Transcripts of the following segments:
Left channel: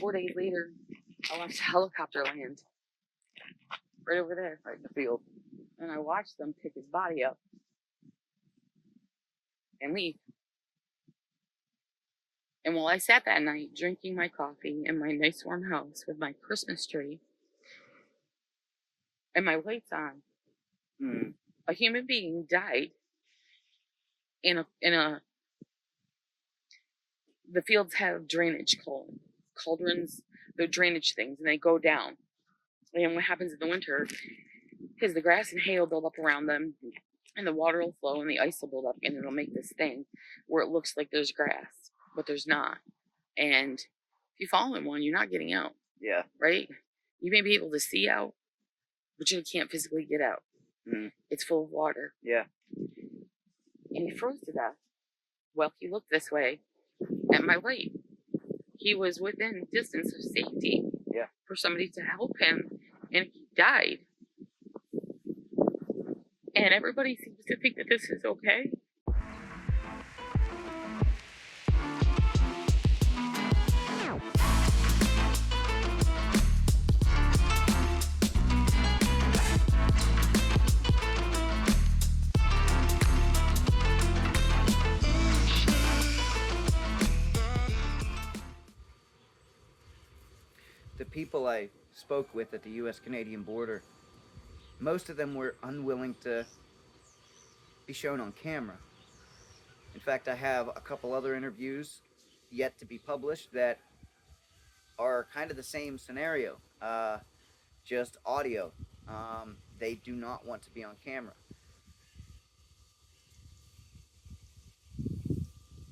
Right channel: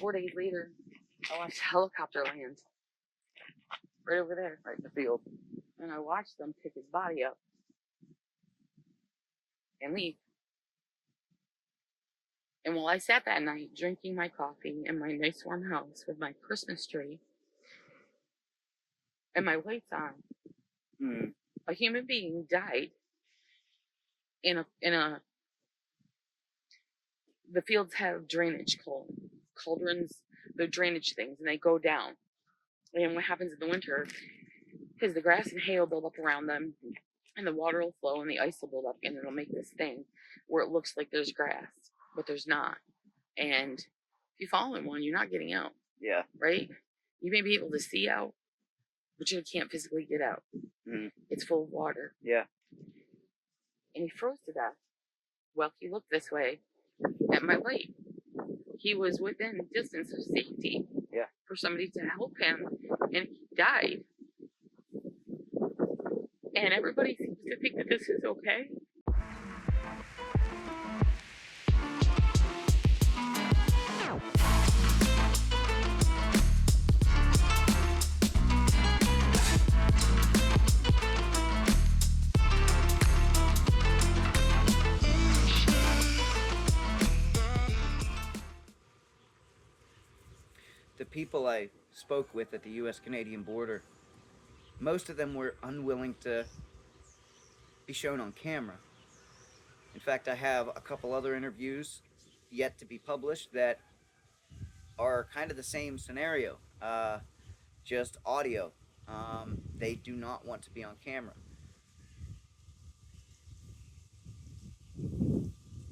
4 days later, I watched a helicopter land right over there. Right in the field. And I watched them pick his body up and leave. And while I sat that night drinking my coffee in my nice warm house with my Christmas tree and my lights on, a human being died in a the fields have drainage cauldrons, the drainage things, and they go down. And what happens in the winter is the grass and hay will build up around them, and the water will flow, and the ice will build up, and it'll make this thing where it looks like there's grass, but there's not. And if you fall in one, you're not getting out. Yeah. Right? You may be able to see out, but you can't physically get out. It's full of water. Yeah. And he froze to death. Well, he looked this way at my light. He was within distance of safety for somebody to help him, and he died. And everybody seems to think that this is okay. The people I spoke with at the U.S. Canadian border, most of them were unwilling to be shown on camera. In fact, I have a couple other interviews yet to be published that are kind of the same scenario, just audio. They do not want to be on camera.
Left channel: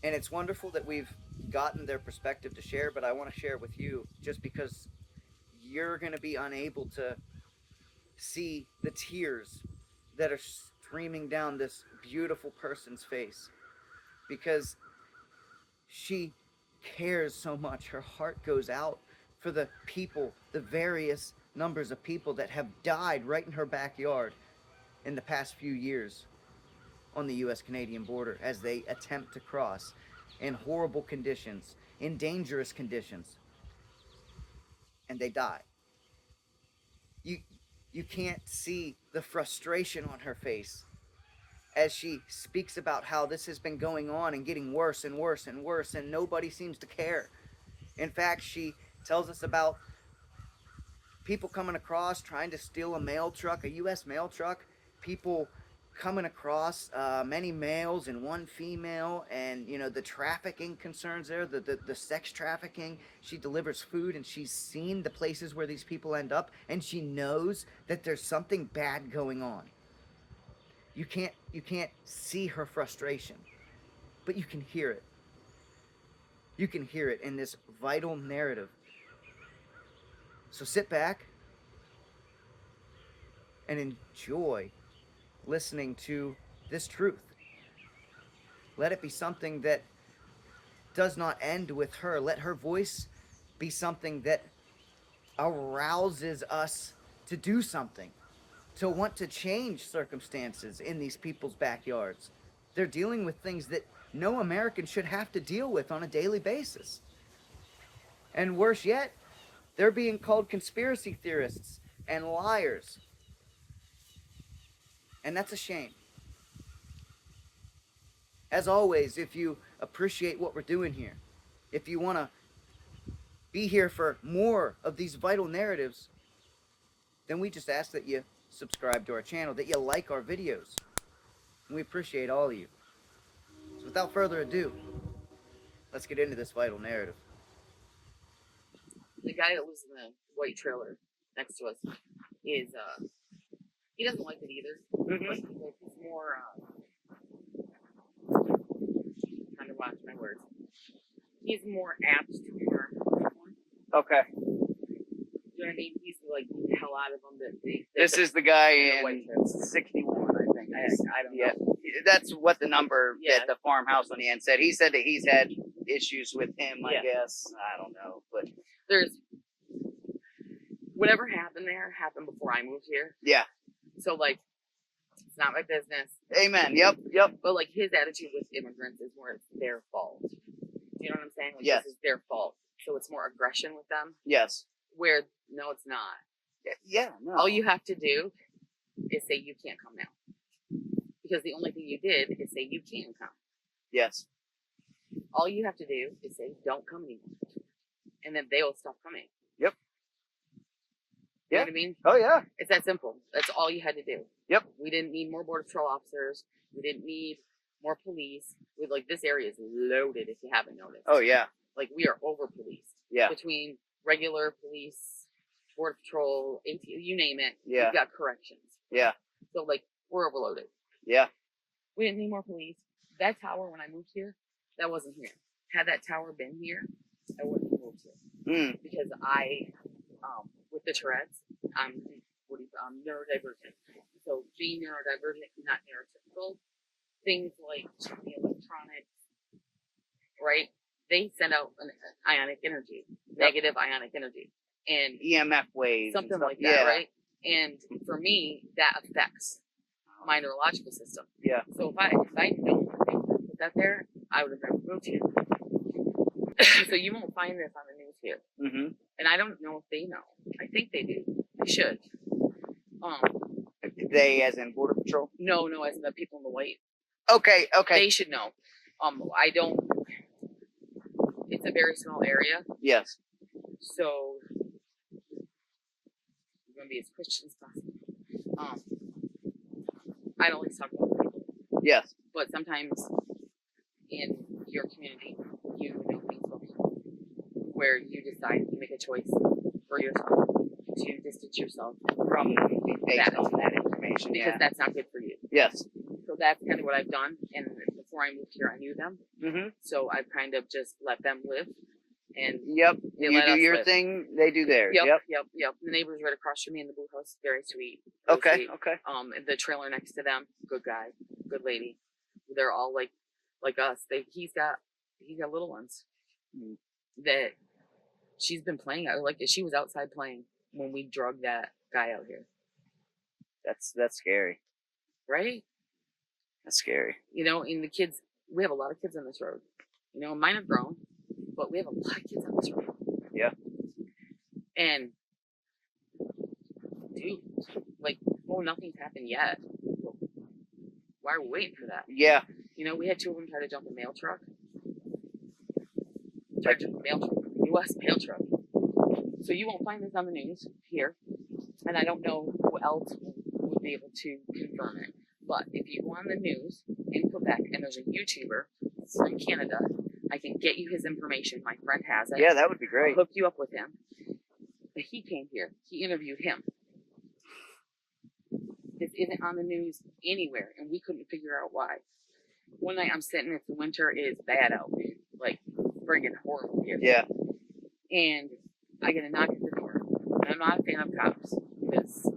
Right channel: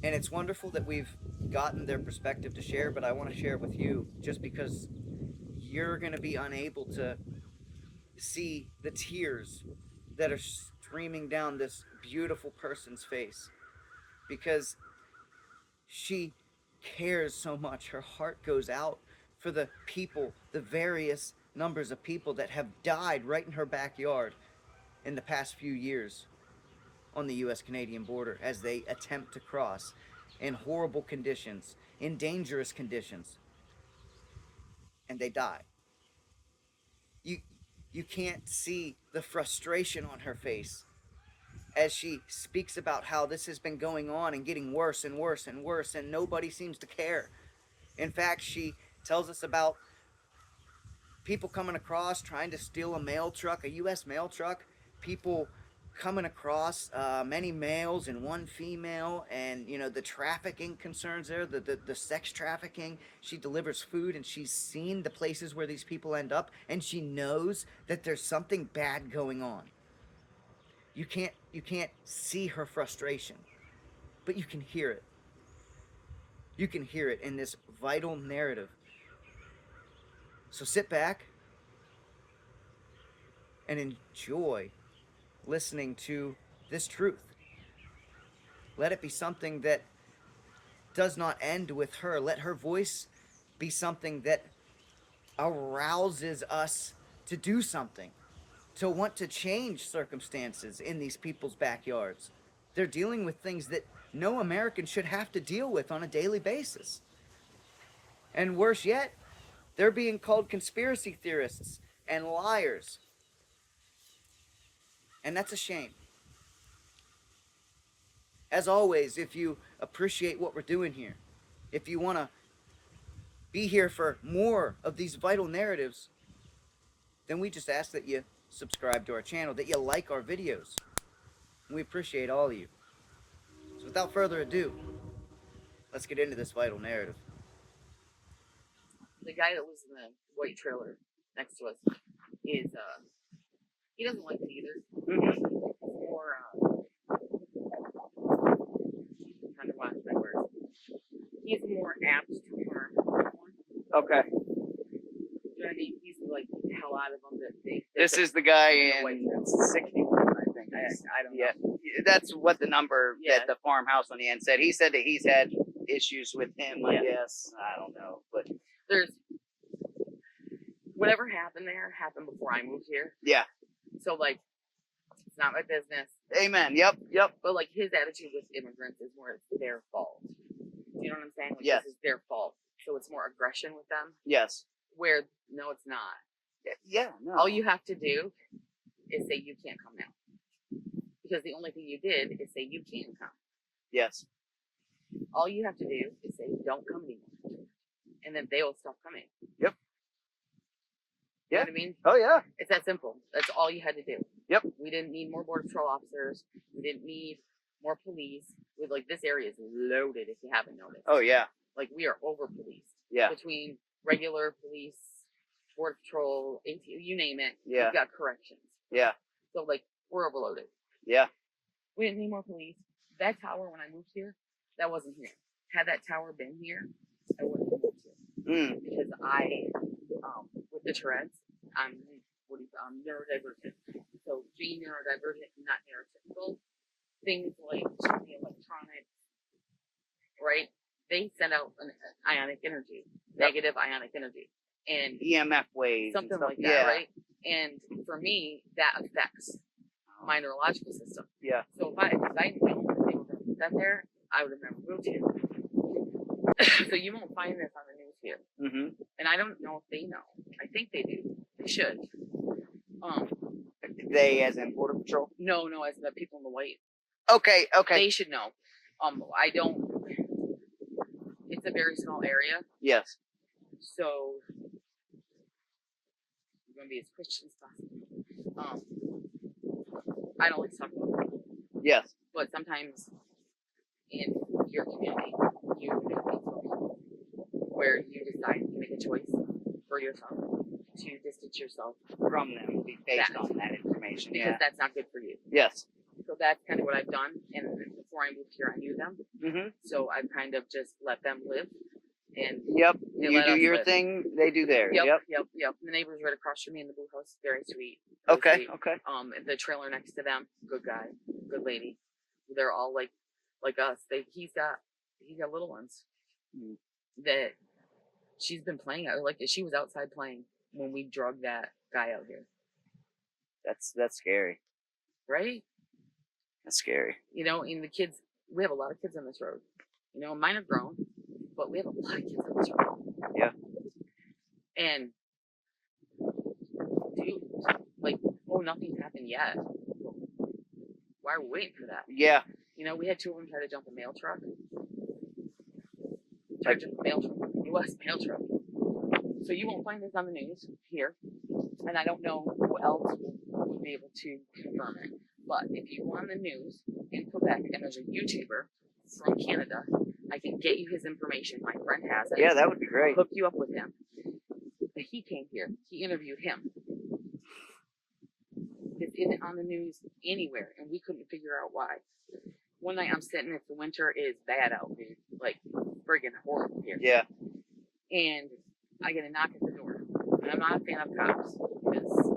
And it's wonderful that we've gotten their perspective to share, but I want to share it with you just because you're going to be unable to see the tears that are streaming down this beautiful person's face because she cares so much. Her heart goes out for the people, the various numbers of people that have died right in her backyard in the past few years on the U.S. Canadian border as they attempt to cross in horrible conditions, in dangerous conditions, and they die. You can't see the frustration on her face as she speaks about how this has been going on and getting worse and worse and worse, and nobody seems to care. In fact, she tells us about people coming across trying to steal a mail truck, a U.S. mail truck, people coming across, many males and one female, and the trafficking concerns there, the sex trafficking. She delivers food, and she's seen the places where these people end up, and she knows that there's something bad going on. You can't see her frustration, but you can hear it. You can hear it in this vital narrative. So sit back and enjoy listening to this truth. Let it be something that does not end with her. Let her voice be something that arouses us to do something, to want to change circumstances in these people's backyards. They're dealing with things that no American should have to deal with on a daily basis. And worse yet, they're being called conspiracy theorists and liars. And that's a shame. As always, if you appreciate what we're doing here, if you want to be here for more of these vital narratives, then we just ask that you subscribe to our channel, that you like our videos. And we appreciate all of you. So without further ado, let's get into this vital narrative. The guy that lives in the white trailer next to us is, he doesn't like it either. He's more, trying to watch my words. He's more apt to harm. Okay. You know what I mean? He's like the hell out of them. This is the guy in 61, I think. I don't know. Yeah, that's what the number that the farmhouse on the end said. He said that he's had issues with him, I guess. I don't know. But there's whatever happened there happened before I moved here. Yeah. So, like, it's not my business. Amen. Yep. But, like, his attitude with immigrants is more it's their fault. You know what I'm saying? Like, yes. This is their fault. so it's more aggression with them. Yes. Where no, it's not. Yeah. No. All you have to do is say you can't come now, because the only thing you did is say you can come. Yes. All you have to do is say don't come anymore, and then they will stop coming. Yep. You Yeah. know what I mean? Oh yeah. It's that simple. That's all you had to do. Yep. We didn't need more border patrol officers. We didn't need more police. We like this area is loaded. If you haven't noticed. Oh yeah. Like we are over policed. Yeah. Between regular police, border patrol, AT, you name it. Yeah. We've got corrections. Yeah. So like we're overloaded. Yeah. We didn't need more police. That tower when I moved here, that wasn't here. Had that tower been here, I wouldn't have moved here. Because I, with the Tourette's, I'm neurodivergent. So being neurodivergent, not neurotypical, things like the electronics, right? They send out an ionic energy, negative ionic energy, and EMF waves, something and stuff. like that, right? And for me, that affects my neurological system. Yeah. So if I don't think that there, I would have never moved here. So you won't find this on the news here. Mm-hmm. And I don't know if they know. I think they do. They should. They, as in Border Patrol? No, as the people in the white. Okay. They should know. I don't. It's a very small area. Yes. So I'm gonna be as Christian as possible. I don't like talking about people. Yes. But sometimes in your community, you have people where you decide to make a choice for yourself to distance yourself From based on that information. because Yeah. that's not good for you. Yes. So that's kind of what I've done. And before I moved here, I knew them. Mm-hmm. So I've kind of just let them live. And Yep. they You let do us your live. thing, they do theirs. Yep. Yep. The neighbors right across from me in the blue house, very sweet. Really Okay. sweet. Okay. The trailer next to them, good guy, good lady. They're all like us. He's got little ones that she's been playing. She was outside playing when we drug that guy out here. That's scary. Right? That's scary. You know, and the kids, we have a lot of kids on this road. You know, mine have grown, but we have a lot of kids on this road. Yeah. And dude, nothing's happened yet. Why are we waiting for that? Yeah. You know, we had 2 of them try to jump a mail truck. Tried to jump a mail truck, U.S. mail truck. So you won't find this on the news here, and I don't know who else will be able to confirm it. But if you go on the news in Quebec and there's a YouTuber from Canada, I can get you his information. My friend has it. Yeah, that would be great. I'll hook you up with him. But he came here. He interviewed him. This isn't on the news anywhere, and we couldn't figure out why. One night I'm sitting, it's the winter, it is bad out. Like, friggin' horrible here. Yeah. And I get a knock at the door. And I'm not a fan of cops, because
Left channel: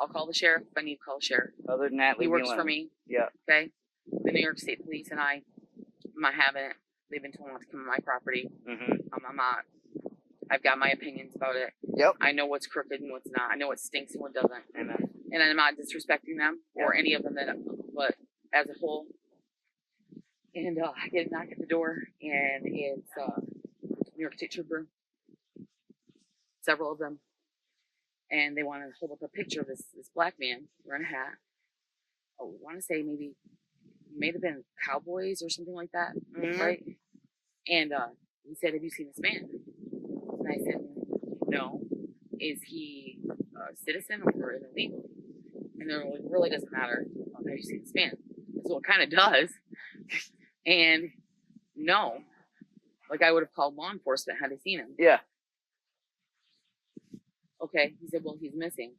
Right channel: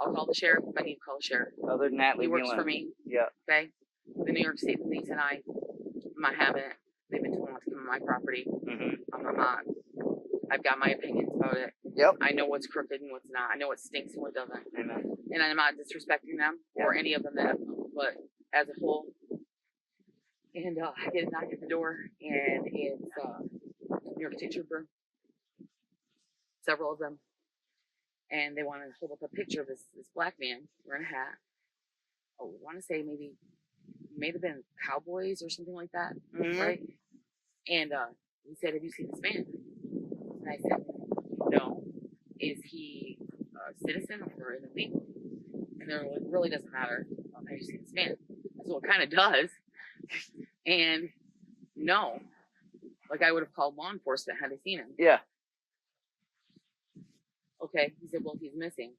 I'll call the sheriff if I need to call the sheriff. Other than that, He leave me works alone. for me. Yeah. Okay? The New York State Police and I'm not having it. They've been told not to come on my property. Mm-hmm. I'm not. I've got my opinions about it. Yep. I know what's crooked and what's not. I know what stinks and what doesn't. Amen. And I'm not disrespecting them or any of them, but as a whole. And I get a knock at the door, and it's New York State Trooper, several of them, and they want to hold up a picture of this black man wearing a hat. Oh, I want to say may have been Cowboys or something like that, right? And he said, "Have you seen this man?" And I said, "No. Is he a citizen or an illegal?" And they're like, "It really doesn't matter. Have you seen this man?" So it kind of does. And no, like I would have called law enforcement had I seen him. Yeah. Okay. He said, "Well, he's missing."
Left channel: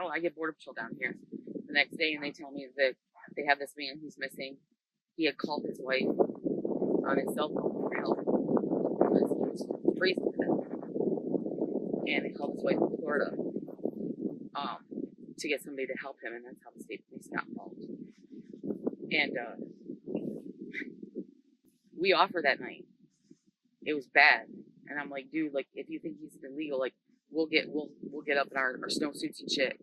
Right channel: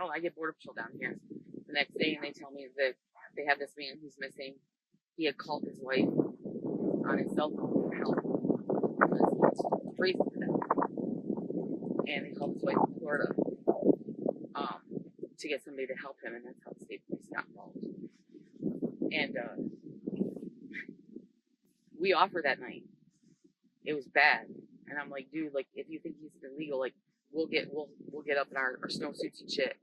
Oh, I get border patrol down here the next day, and they tell me that they have this man who's missing. He had called his wife on his cell phone for help because he was freezing to death. And he called his wife in Florida to get somebody to help him, and that's how the state police got involved. And we offered that night. It was bad, and I'm like, dude, like if you think he's illegal, like we'll get up in our snowsuits and shit,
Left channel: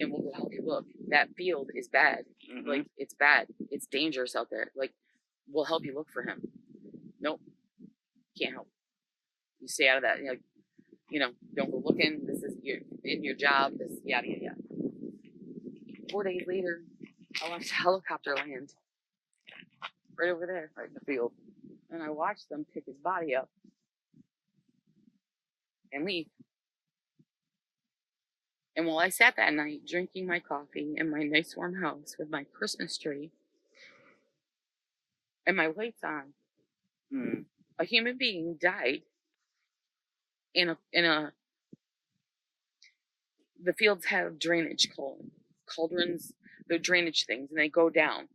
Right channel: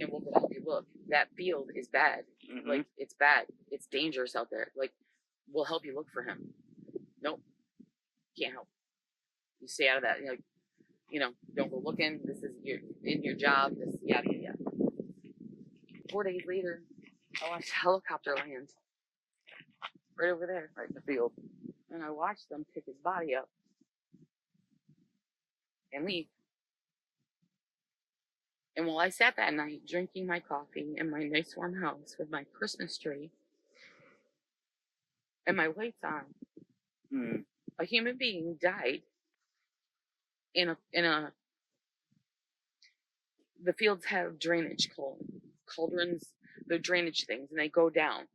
and we'll go help you look. That field is bad. Mm-hmm. Like it's bad. It's dangerous out there. Like we'll help you look for him. Nope, can't help. You stay out of that. Don't go looking. This is in your job. This yada yada yada. 4 days later, I watched a helicopter land right over there, Right in the field. and I watched them pick his body up and leave. And while I sat that night drinking my coffee in my nice warm house with my Christmas tree and my lights on, a human being died in a. The fields have drainage cauldrons, the drainage things, and they go down.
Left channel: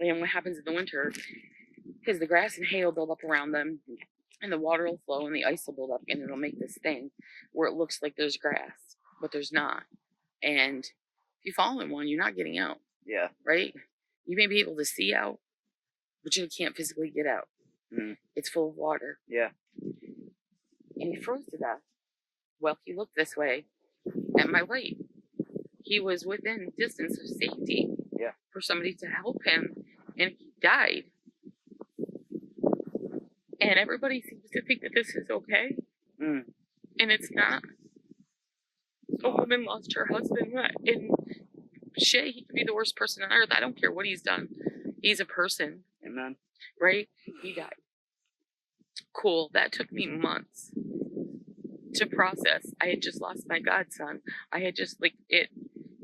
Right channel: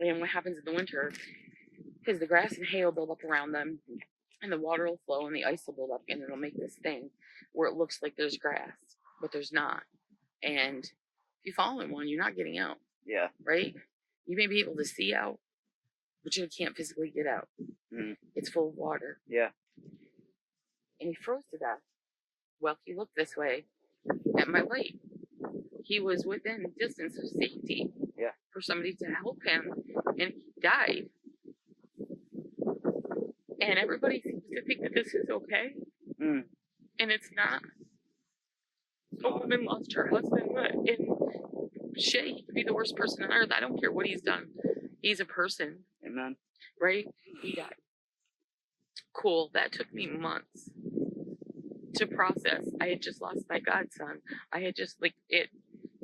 And what happens in the winter, because the grass and hay will build up around them, and the water will flow, and the ice will build up, and it'll make this thing where it looks like there's grass, but there's not. And if you fall in one, you're not getting out. Yeah. Right? You may be able to see out, but you can't physically get out. It's full of water. Yeah. And he froze to death. Well, he looked this way at my light. He was within distance of safety for somebody to help him, and he died. And everybody seems to think that this is okay, and it's not. A woman lost her husband, and shit, he could be the worst person on earth. I don't care what he's done. He's a person. Amen. Right? He died. Cool. That took me months to process. I had just lost my godson. I had just, it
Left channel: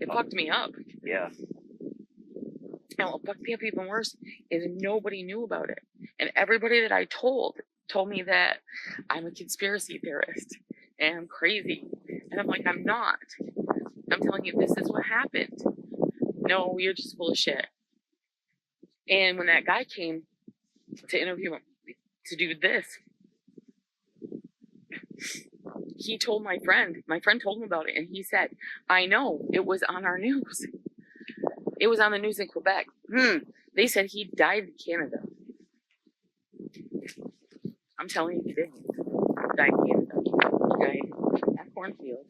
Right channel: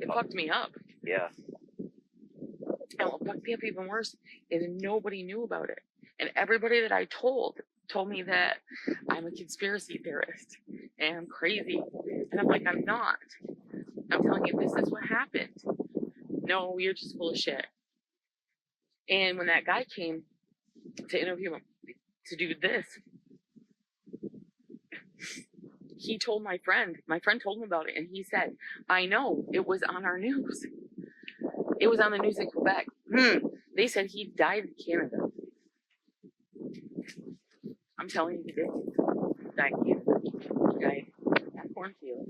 fucked me up. Yeah. And what fucked me up even worse is nobody knew about it. And everybody that I told me that I'm a conspiracy theorist and I'm crazy. And I'm like, I'm not. I'm telling you, this is what happened. No, you're just full of shit. And when that guy came to interview him, to do this, he told my friend told him about it, and he said, I know, it was on our news. It was on the news in Quebec. They said he died in Canada. I'm telling you, he did. He died in Canada. He died in that cornfield,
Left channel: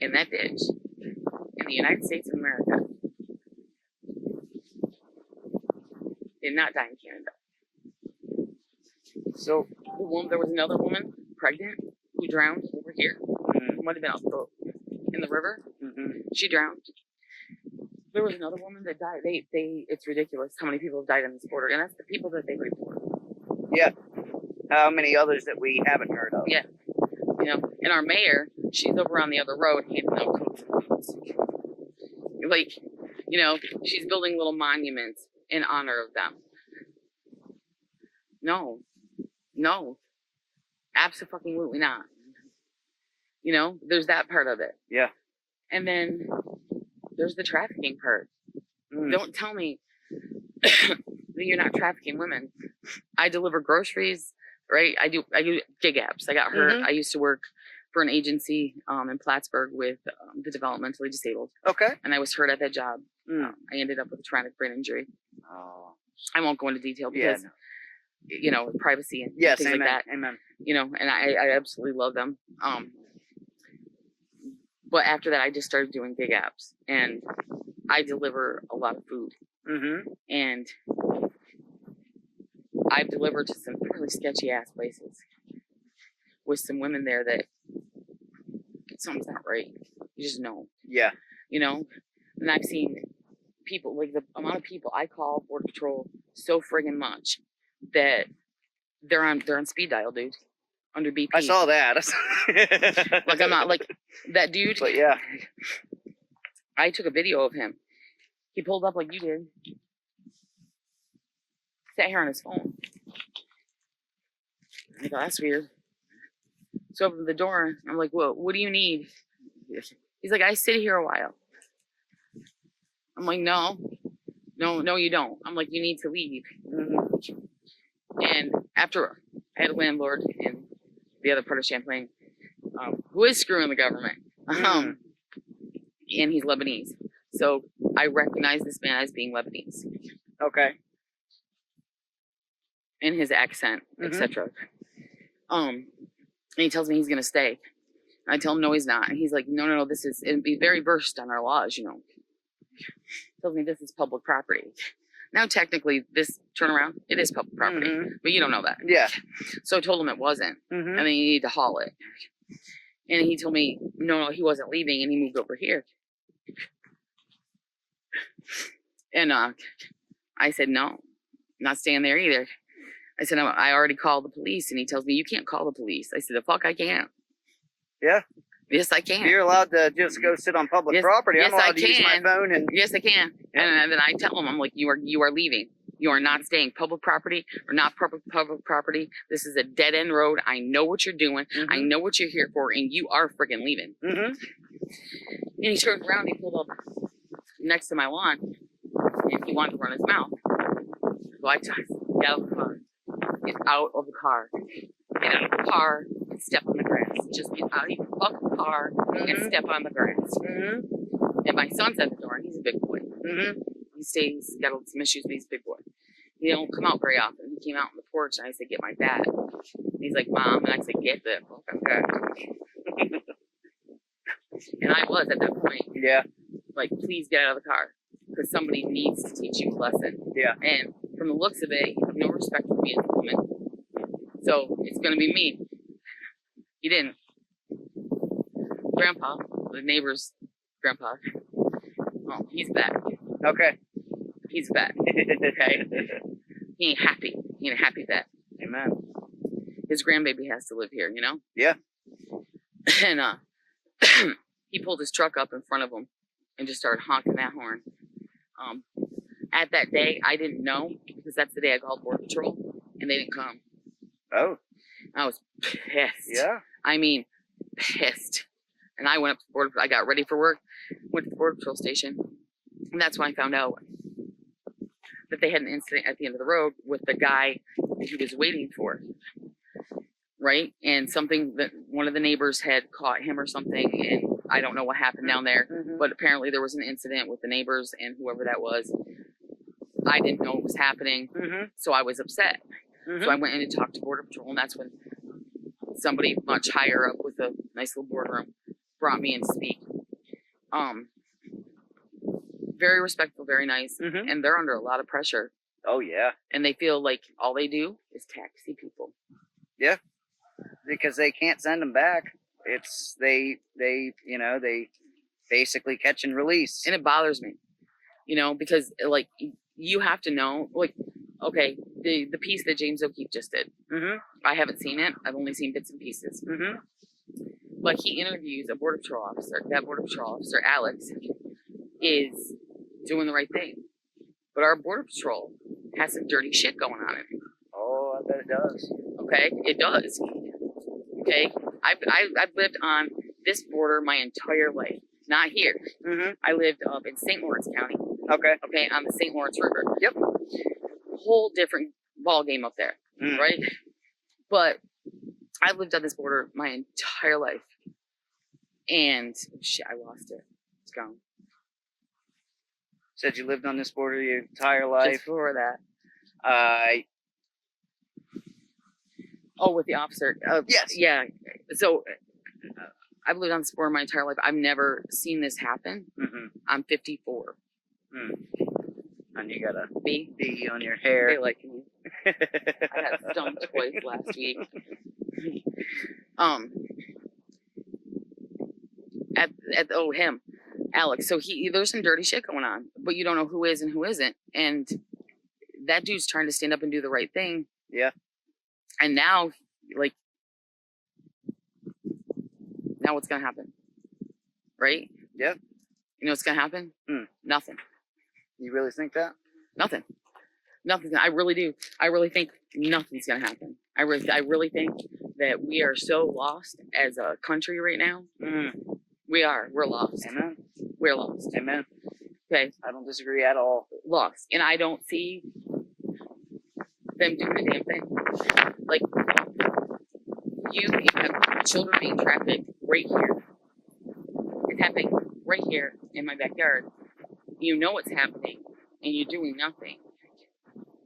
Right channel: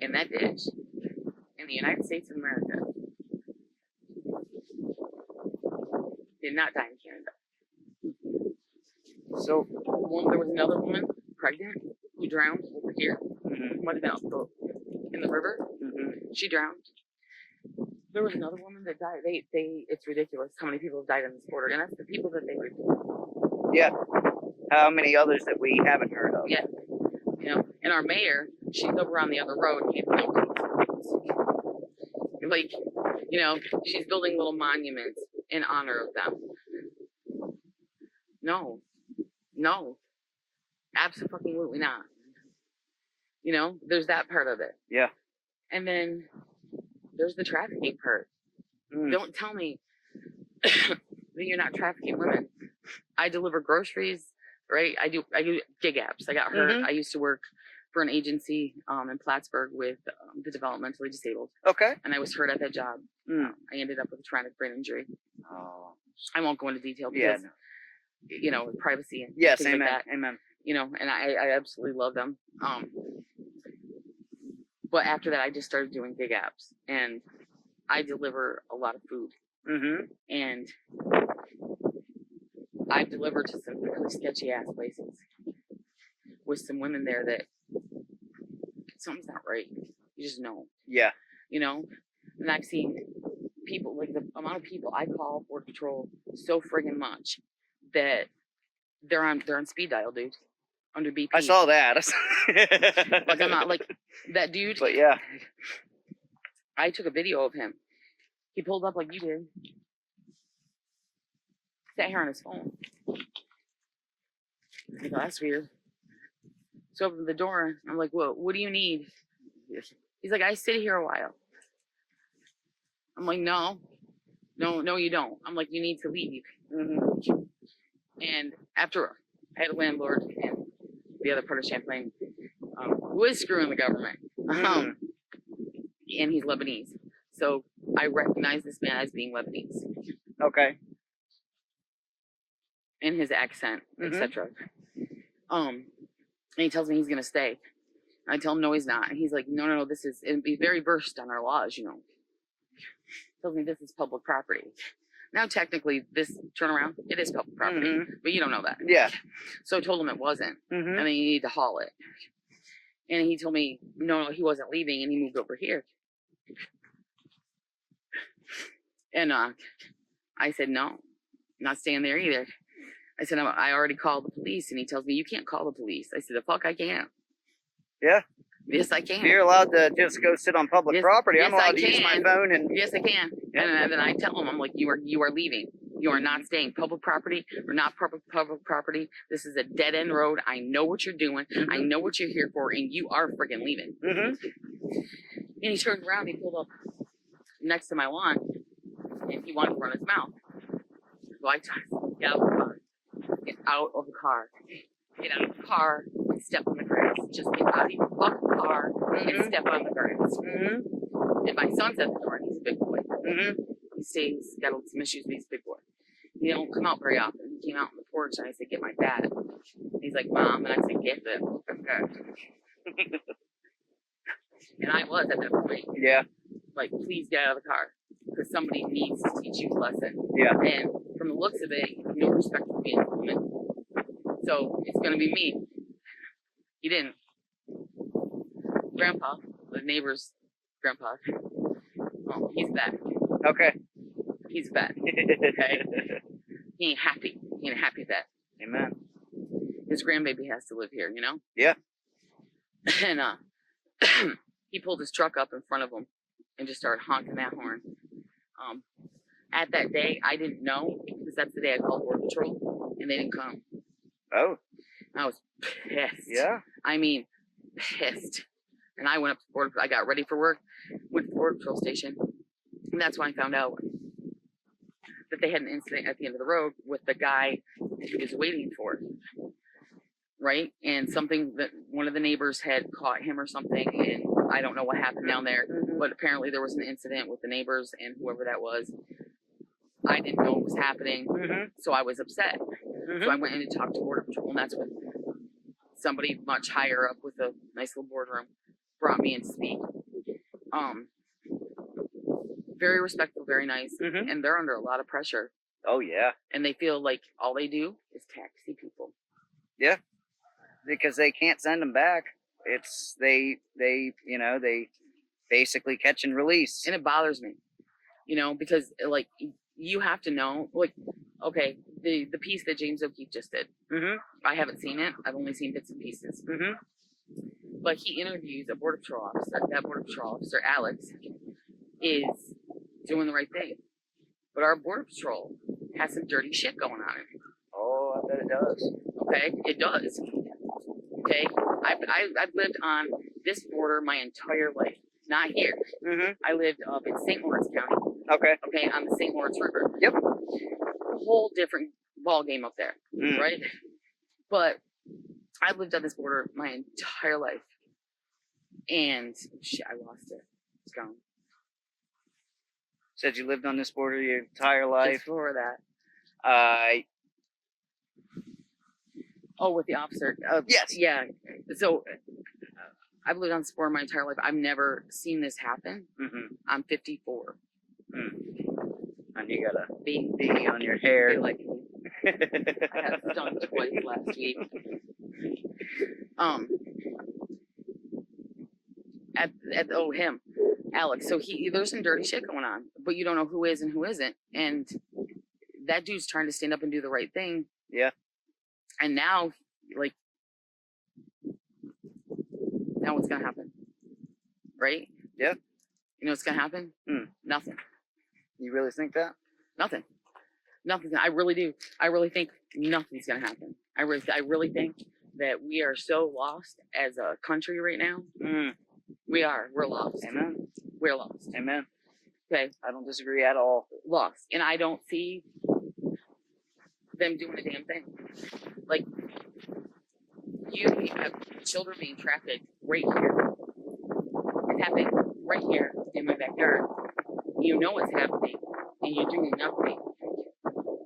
in that ditch, in the United States of America. Did not die in Canada. So there was another woman, pregnant, who drowned over here. Might have been also in the river. She drowned. There was another woman that died. It's ridiculous how many people have died on this border, and that's the people that they report. Yeah. How many others that we haven't heard of? Yeah. And our mayor, she's over on the other road. She's building little monuments in honor of them. No, absolutely not. There's that part of it. Yeah. And then there's the trafficking part. Don't tell me that you're not trafficking women. I deliver groceries, right? I do gig apps. I got hurt. I used to work for an agency in Plattsburgh with the developmentally disabled. Okay. And I was hurt at that job. I ended up with a traumatic brain injury. Oh. I won't go into detail because privacy and yes, things amen, like that. Amen. And I absolutely love them. But after that, I just started doing gig apps, and I deliver a lot of food. And I've delivered to some really sketchy ass places with some women there that something's not right. You just know. Yeah. And I've seen people, the amount of people I call Border Patrol so friggin' much that they're on speed dial, dude. Under BP. I saw that. I'm not that dude. But yeah. I took a video of him. He pulled up like you did. Sat here on his phone. I go, that's weird. So I opened the door. I'm like, well, what do you need? He's like, I sit here a while. I'm like, no, you don't. I'm like, you need to leave. And after I had a landlord in the other part of Champlain who is screwing the government. And he's Lebanese. So I recognize this man as being Lebanese. Okay. In his accent, etc. And he tells me he's gonna stay. I tell him no, he's not. And he's like, no, it'd be very versed on our laws, Tells me this is public property. Now, technically, this turnaround, it is public property, but you don't know that. Yeah. So I told him it wasn't, Mm-hmm. and then you need to haul it. And he told me, no, he wasn't leaving, and he moved over here. And I said, no, I'm not staying there either. I said, I already called the police, and he tells me, you can't call the police. I said, the fuck I can't. Yeah. Yes, I can. You're allowed to just go sit on public property. Yes, I'm allowed I to use my can. phone and. Yes, I can. Yeah. And then I tell him, I'm like, you are leaving. You are not staying. Public property or not public property. This is a dead end road. I know what you're doing. I know what you're here for, and you are freaking leaving. And he turned around. He pulled up next to my lawn, and he wanted to run his mouth. So I told him, get out of the car. Get out of the car. Get out of the car and step on the grass. Just get out of your fucking car and step on the grass. And my son's at the door, and he's a big boy. He stays, got some issues, but he's a big boy. He don't come out very often. He came out on the porch, and I said, get my dad. And he's like, Mom. And I said, get the fucking dad. And I was at that point. Yeah. Like, please get out of the car. Because somebody needs to teach you a lesson. Yeah. And from the looks of it, you have no respect for me as a woman. So it's going to be me. He didn't. Grandpa, the neighbor's grandpa, well, he's fat. Okay. He's fat. Okay. He ain't happy. He ain't a happy vet. Amen. His grandbaby has to live here, you know? Yeah. And he pulled his truck up in front of him and just started honking that horn. At that day, I didn't know, because that's the day I called Border Patrol, and they didn't come. Oh. I was pissed. Yeah. I mean, pissed. And I went up to Border Patrol. I got ready for work, went to the Border Patrol station, and that's when I found out that they had an incident at the end of the road with the guy that he was waiting for. Right? And something that one of the neighbors had caught him or something, and I don't know what happened down there, but apparently there was an incident with the neighbors and whoever that was. I didn't know what was happening, so I was upset. So I went in and talked to Border Patrol, and that's when somebody much higher up with a nice little boardroom brought me in to speak. Very respectful, very nice, and they're under a lot of pressure. Oh, yeah. And they feel like all they do is taxi people. Yeah. Because they can't send them back. It's, they basically catch and release. And it bothers me, because, like, you have to know, like, okay, the piece that James O'Keefe just did. I haven't seen it. I've only seen bits and pieces. But he interviews a Border Patrol officer. That Border Patrol officer, Alex, is doing the right thing. But our Border Patrol has some dirty shit going on in it. Oh, I bet it does. Okay, it does. Okay, I've lived on this border my entire life. Not here. I lived up in St. Lawrence County. Okay, on the St. Lawrence River. Yep. A whole different ball game up there, right? But I've lived on this border my entire life, and shit, I lost it. It's gone. Said you lived on this border your entire life. Just before that. Oh, with the officer. Yes. Yeah. So I've lived on this border my entire life. I've never seen this happen. I'm 54. And you got a bee on your hair. They like me. I got stung twice last week. Him, Alex. So there's some dirty shit going on, but you don't know who is and who isn't. And that dude's trying to stand up and do the right thing. Yeah. And now, like, now what's gonna happen? Right? Yeah. You know what's gonna happen? Nothing. You really think that? Nothing. Nothing. I really do. I really think nothing's gonna happen. I really think that we are so lost as a country right now. We are. We're lost. Amen. We're lost. Amen. Okay. I don't disagree at all. Lost. And I don't see them doing a damn thing. Like, you have children being trafficked right here. It's happening right here in my backyard. You know it's happening, and you're doing nothing.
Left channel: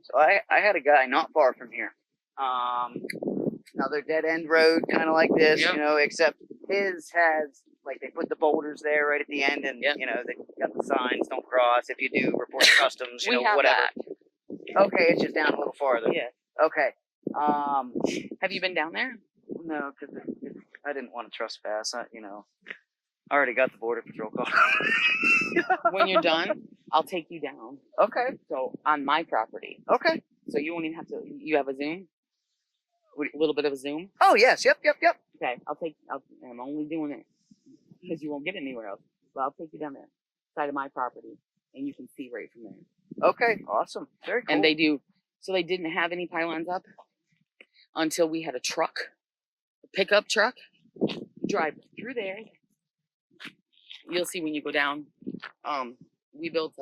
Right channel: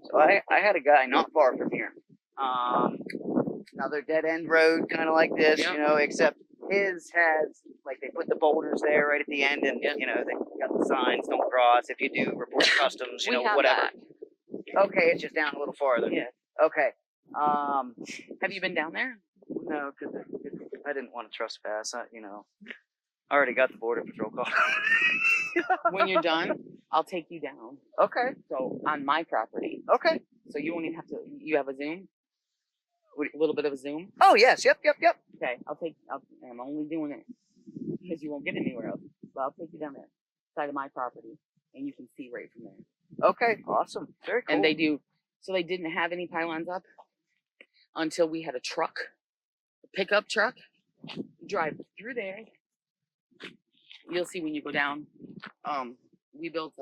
So I had a guy not far from here. Another dead end road, kind of like this, except his has, like, they put the boulders there right at the end, and, they got the signs, don't cross. If you do, report to customs, whatever. Okay, it's just down a little farther. Yeah. Okay. Have you been down there? No, because I didn't want to trespass. I already got the border patrol call. When you're done, I'll take you down. Okay. So on my property. Okay. So you won't even have to. You have a Zoom. A little bit of a Zoom. Oh yes. Yep. Okay. I'm only doing it because you won't get anywhere else. So I'll take you down there, side of my property, and you can see right from there. Okay. Awesome. Very cool. And they do. So they didn't have any pylons up until we had a truck, a pickup truck, drive through there. You'll see when you go down. We built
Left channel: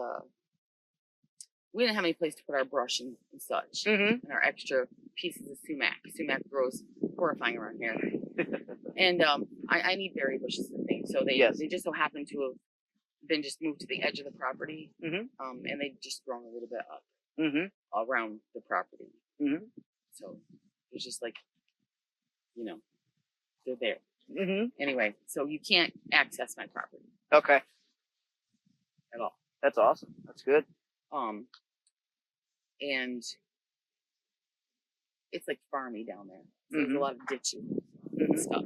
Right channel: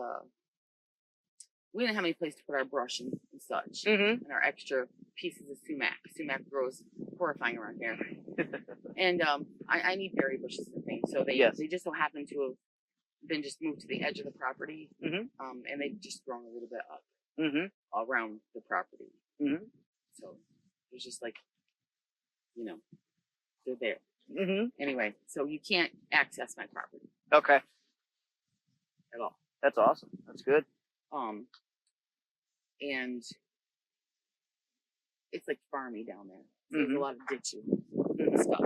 we didn't have any place to put our brush and such, and our extra pieces of sumac. Sumac grows horrifying around here, and I need berry bushes and things. So they just so happen to have been just moved to the edge of the property, and they just grown a little bit up around the property. So it's just like, they're there. Anyway, so you can't access my property. Okay. At all. That's awesome. That's good. And it's like farmy down there. So there's a lot of ditches and stuff.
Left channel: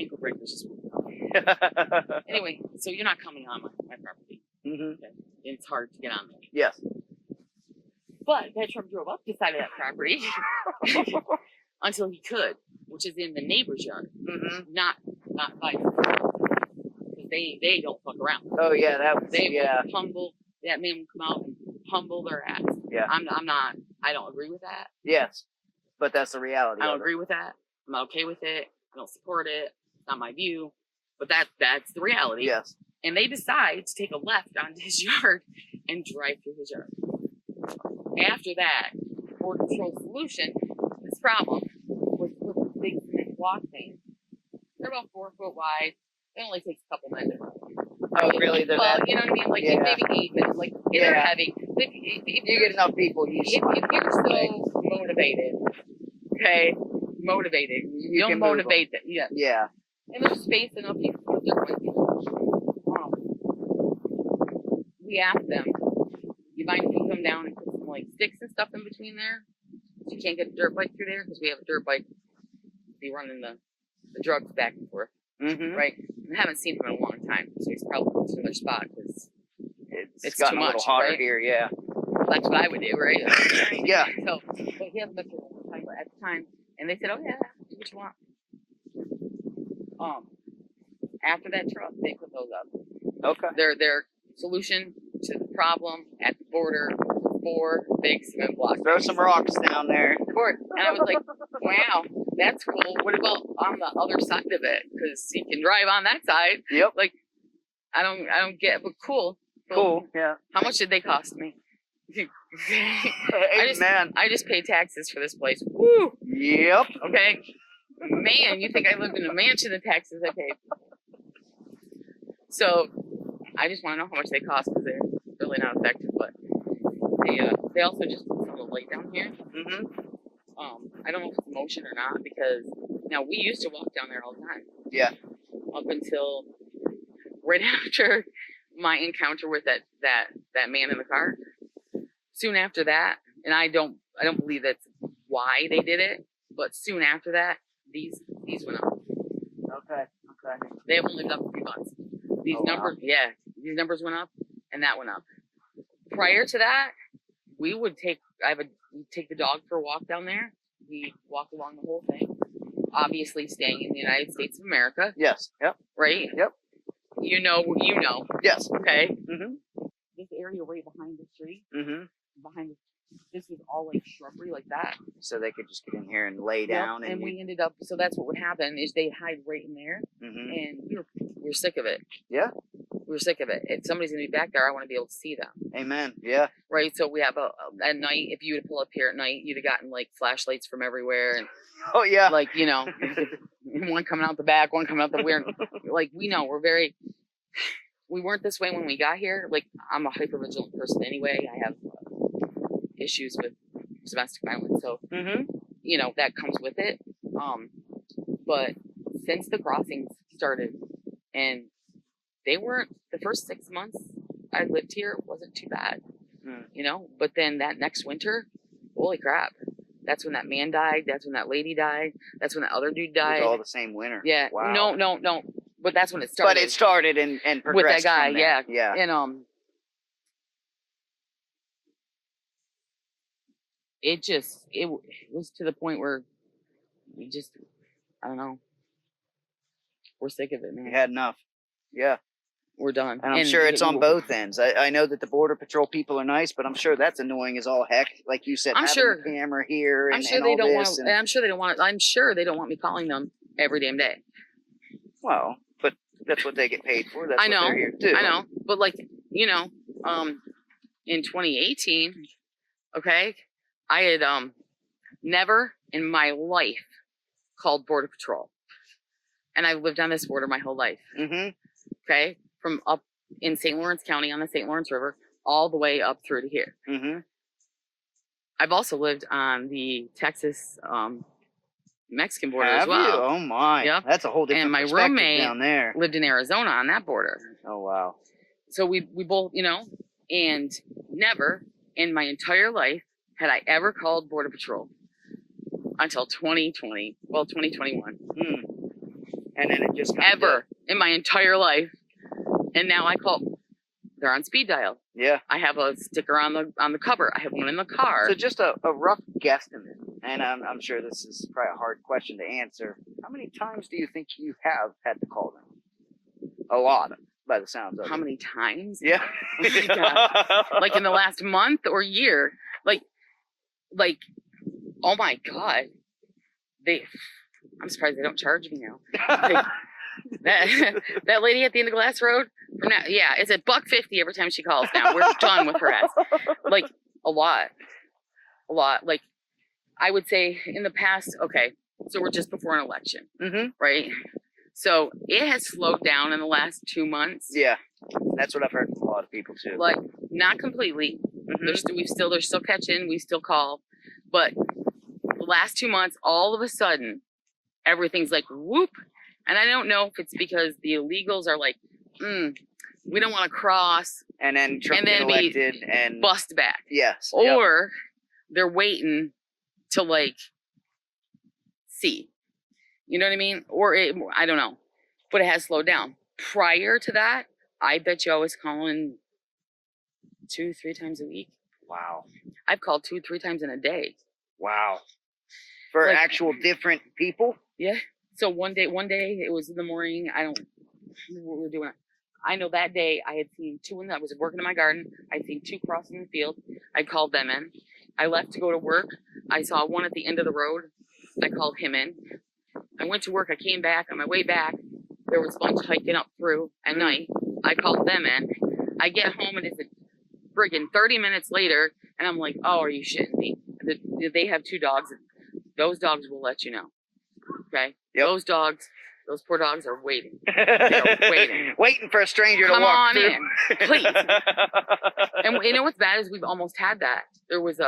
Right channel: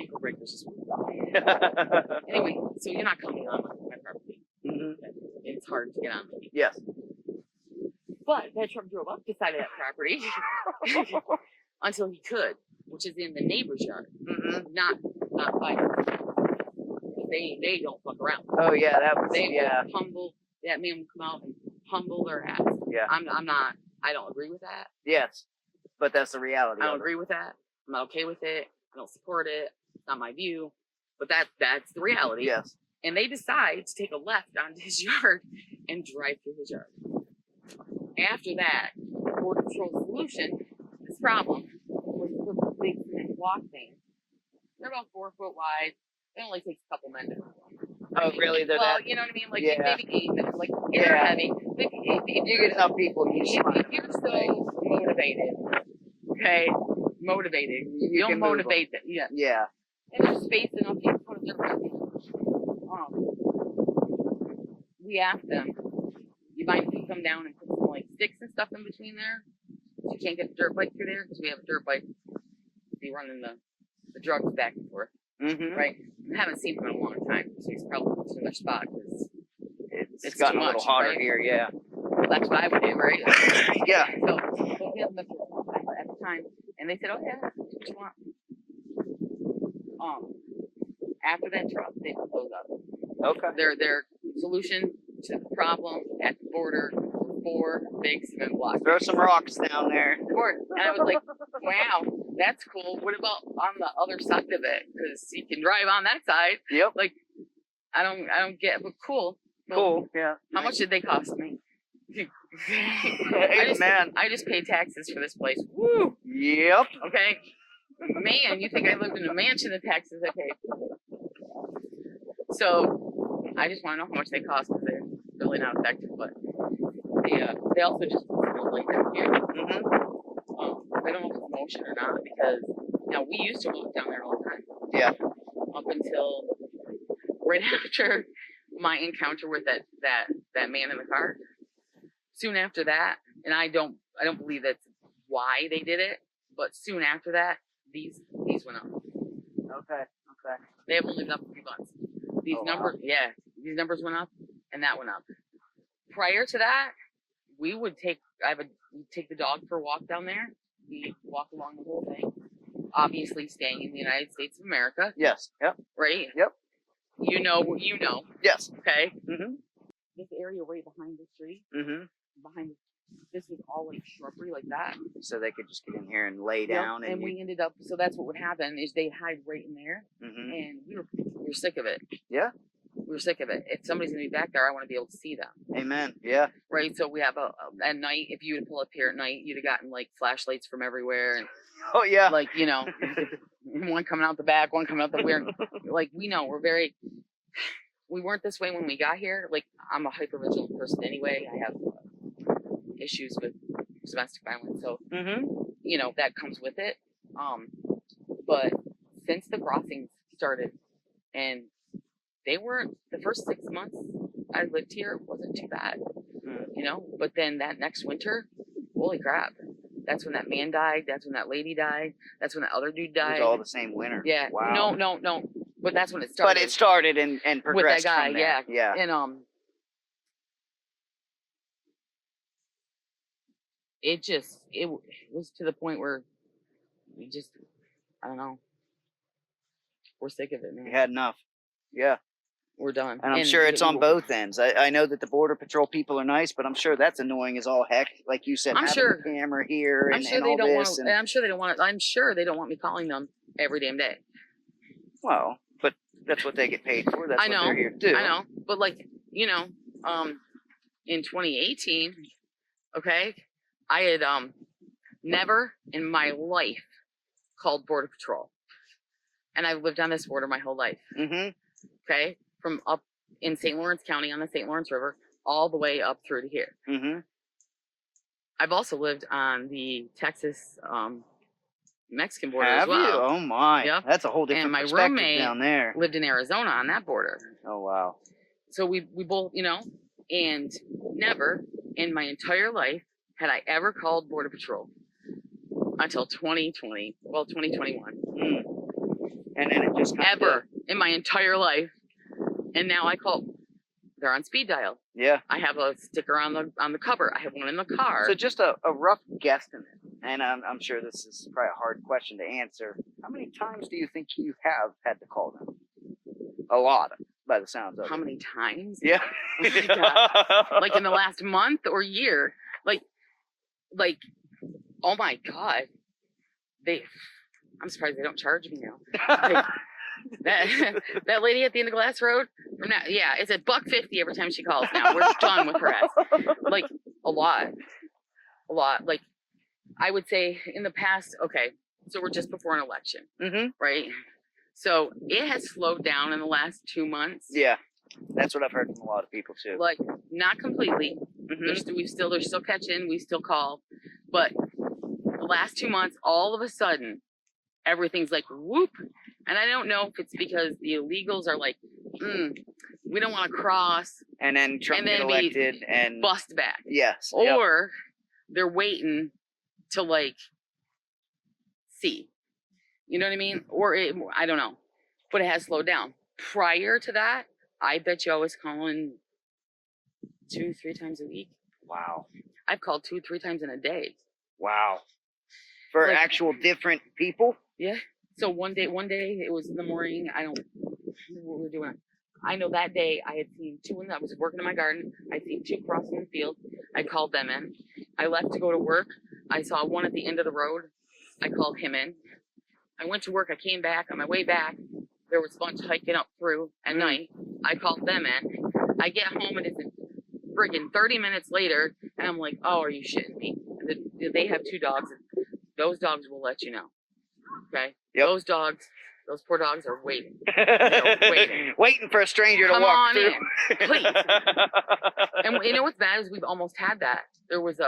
Ankle breakers is anyway, so you're not coming on my property. It's hard to get on there. Yes. But that truck drove up the side of that property until he could, which is in the neighbor's yard, not by. They don't fuck around. Oh yeah, that was they humble. That man would come out and humble their ass. Yeah. I'm not. I don't agree with that. Yes, but that's the reality. I don't agree with that. I'm not okay with it. I don't support it. It's not my view. But that's the reality. Yes. And they decide to take a left onto his yard and drive through his yard. After that, Border Patrol solution this problem was with big cement block things. They're about 4 foot wide. It only takes a couple minutes. Oh, really? They're that? You know what I mean? Like, maybe 8 minutes. Like, Yeah. they're heavy. If you get enough people, you if you're so motivated, okay? Motivated. You can motivate them. Yeah. Yeah. And there's space enough. We asked them, you mind if you come down and put some, like, sticks and stuff in between there? So you can't get a dirt bike through there? Because we have a dirt bike. Be running the drugs back and forth. Right? I haven't seen him in a long time, so he's probably too much spot because it's gotten a little hotter here. Yeah. Well, that's what I would do, right? Yeah. So we have them at the time, and they said, "Oh yeah, do what you want." After that truck, they put those up. Okay. Their solution to the problem at the border: 4 big cement blocks. Throw some rocks down there. And I was like, wow, that's cool. What about on the other side of it? Because you can drive on that side. Yep. Like, I don't get, but cool. Cool. Yeah. How much did they cost me? Man. I just paid taxes for this place. Woo. Yep. Okay. Man, you think I lived in a mansion? The taxes I paid. So I just want to know how much they cost because they're really not effective. But they also just like down here. I don't know if it's motion or not because we used to walk down there all the time. Yeah. Up until right after my encounter with that man in the car. Soon after that, and I don't believe that's why they did it, but soon after that, these went up. Okay. They haven't lived up a few months. These numbers, these numbers went up, and that went up. Prior to that, we would take the dog for a walk down there. We walk along the whole thing. Obviously, staying in the United States of America. Yes. Yep. Right. Yep. You know. Yes. Okay. This area right behind the tree. This was all like shrubbery like that. So they could just get in here and lay down. And we ended up. So that's what would happen is they'd hide right in there, and we were sick of it. Yeah. We were sick of it. If somebody's gonna be back there, I want to be able to see them. Amen. Yeah. Right. So we have at night. If you were to pull up here at night, you'd have gotten like flashlights from everywhere, and oh yeah, like one coming out the back, one coming out the rear. Like we know we weren't this way when we got here. Like I'm a hyper vigilant person anyway. I have issues with domestic violence, so that comes with it. But since the crossings started, and they weren't the first 6 months I lived here, it wasn't too bad. you know. But then that next winter, holy crap, that's when that man died. That's when that lady died. That's when that other dude It died. was all the same winter. Yeah. Wow. No. But that's when it started. But it started and progressed with that guy. from there. Yeah. Yeah. And it was to the point where we just, I don't know, we're sick of it, man. You had enough. Yeah. We're done. And I'm sure it's on both ends. I know that the Border Patrol people are nice, but I'm sure that's annoying as all heck. Like you said, having the camera here and all this. And I'm sure they don't want. I'm sure they don't want me calling them every damn day. Well, but that's what they get paid for. That's what they're here to do. I know, but like, you know, in 2018, okay, I had never in my life called Border Patrol, and I've lived on this border my whole life. Mm-hmm. Okay, from up in St. Lawrence County on the St. Lawrence River all the way up through to here. Mm-hmm. I've also lived on the Texas Mexican border Have as well. you? Oh my! Yep. That's a whole different and my perspective roommate down there. lived in Arizona on that border. Oh wow! So we both, you know, and never in my entire life had I ever called Border Patrol until 2020, well, 2021. And then it just ever in my entire life, and now I call. They're on speed dial. Yeah. I have a sticker on the cover. I have one in the car. So just a rough guesstimate, and I'm sure this is probably a hard question to answer. How many times do you think you have had to call them? A lot, by the sounds of it. How many times? Yeah. Like in the last month or year? Like, oh my God. I'm surprised they don't charge me now. Like, that lady at the end of Glass Road, yeah, it's $1.50 every time she calls now. We're done with her ass. Like, a lot. Like, I would say in the past, okay, so we're just before an election, right? So it has slowed down in the last 2 months. Yeah, that's what I've heard from a lot of people too. Like, not completely. They're still catching. We still call, but the last 2 months, all of a sudden, everything's like whoop. And I don't know if it's because the illegals are like, we don't want to cross. And then Trump get elected and bust back. Yes. Or they're waiting to like see. You know what I mean? Or I don't know. But it has slowed down. Prior to that, I bet you I was calling 2-3 times a week. Wow. I've called 2-3 times in a day. Wow. For like, actual different people? Yeah. So one day it was in the morning. I don't remember what we were doing. I know that day I had seen 2 when I was working in my garden. I'd seen 2 crossing the field. I called them in. I left to go to work. I saw one at the end of the road. I called him in. I went to work. I came back. On my way back, there was a bunch hiking up through at night. I called them in. I get home and it's a friggin' 30 minutes later, and I'm like, oh, are you shitting me? They have 2 dogs. Those dogs will let you know. Okay? Yep. Those poor dogs are waiting. They're waiting. Waiting for a stranger to walk through. In, please. And you know what's bad is we've almost had that. There was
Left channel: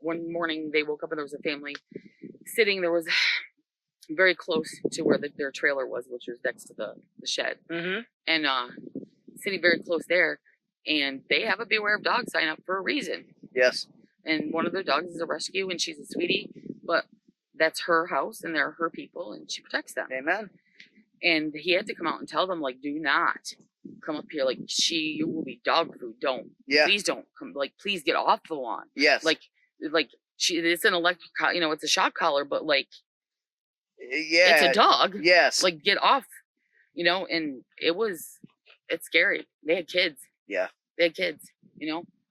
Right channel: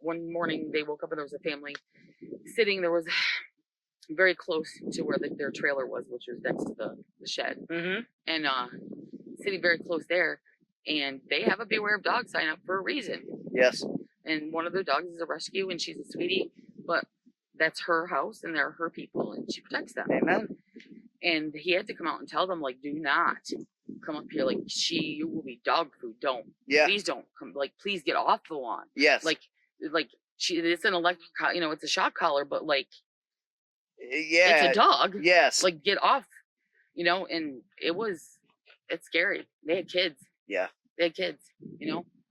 one morning they woke up and there was a family sitting. There was very close to where their trailer was, which was next to the shed. And sitting very close there. And they have a beware of dogs sign up for a reason. Yes. And one of their dogs is a rescue, and she's a sweetie, but that's her house and they're her people and she protects them. Amen. And he had to come out and tell them, like, do not come up here. Like, you will be dog food. Don't. Yeah. Please don't come. Like, please get off the lawn. Yes. Like it's an electric, it's a shock collar, but like, yeah, it's a dog. Yes. Like, get off, and it's scary. They had kids. Yeah. They had kids,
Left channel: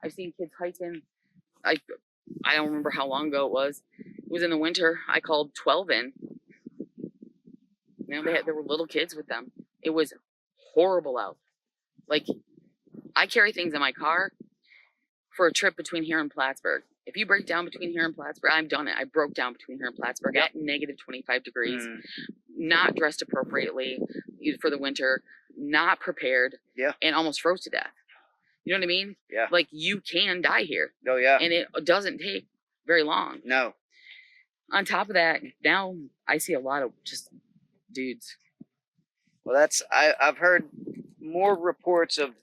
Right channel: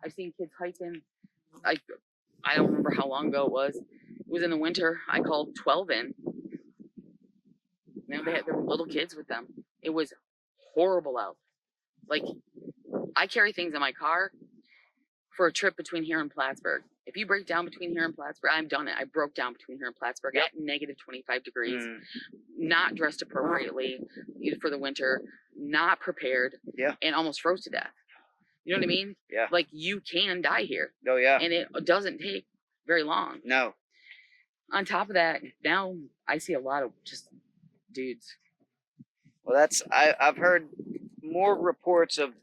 I've seen kids hiking. I don't remember how long ago it was. It was in the winter. I called 12 in. There were little kids with them. It was horrible out. Like, I carry things in my car for a trip between here and Plattsburgh. If you break down between here and Plattsburgh, I've done it. I broke down between here and Plattsburgh at negative 25 degrees, not dressed appropriately for the winter, not prepared, and almost froze to death. You know what I mean? Yeah. Like, you can die here. Oh, yeah. And it doesn't take very long. No. On top of that, now I see a lot of just dudes. Well, I've heard more reports of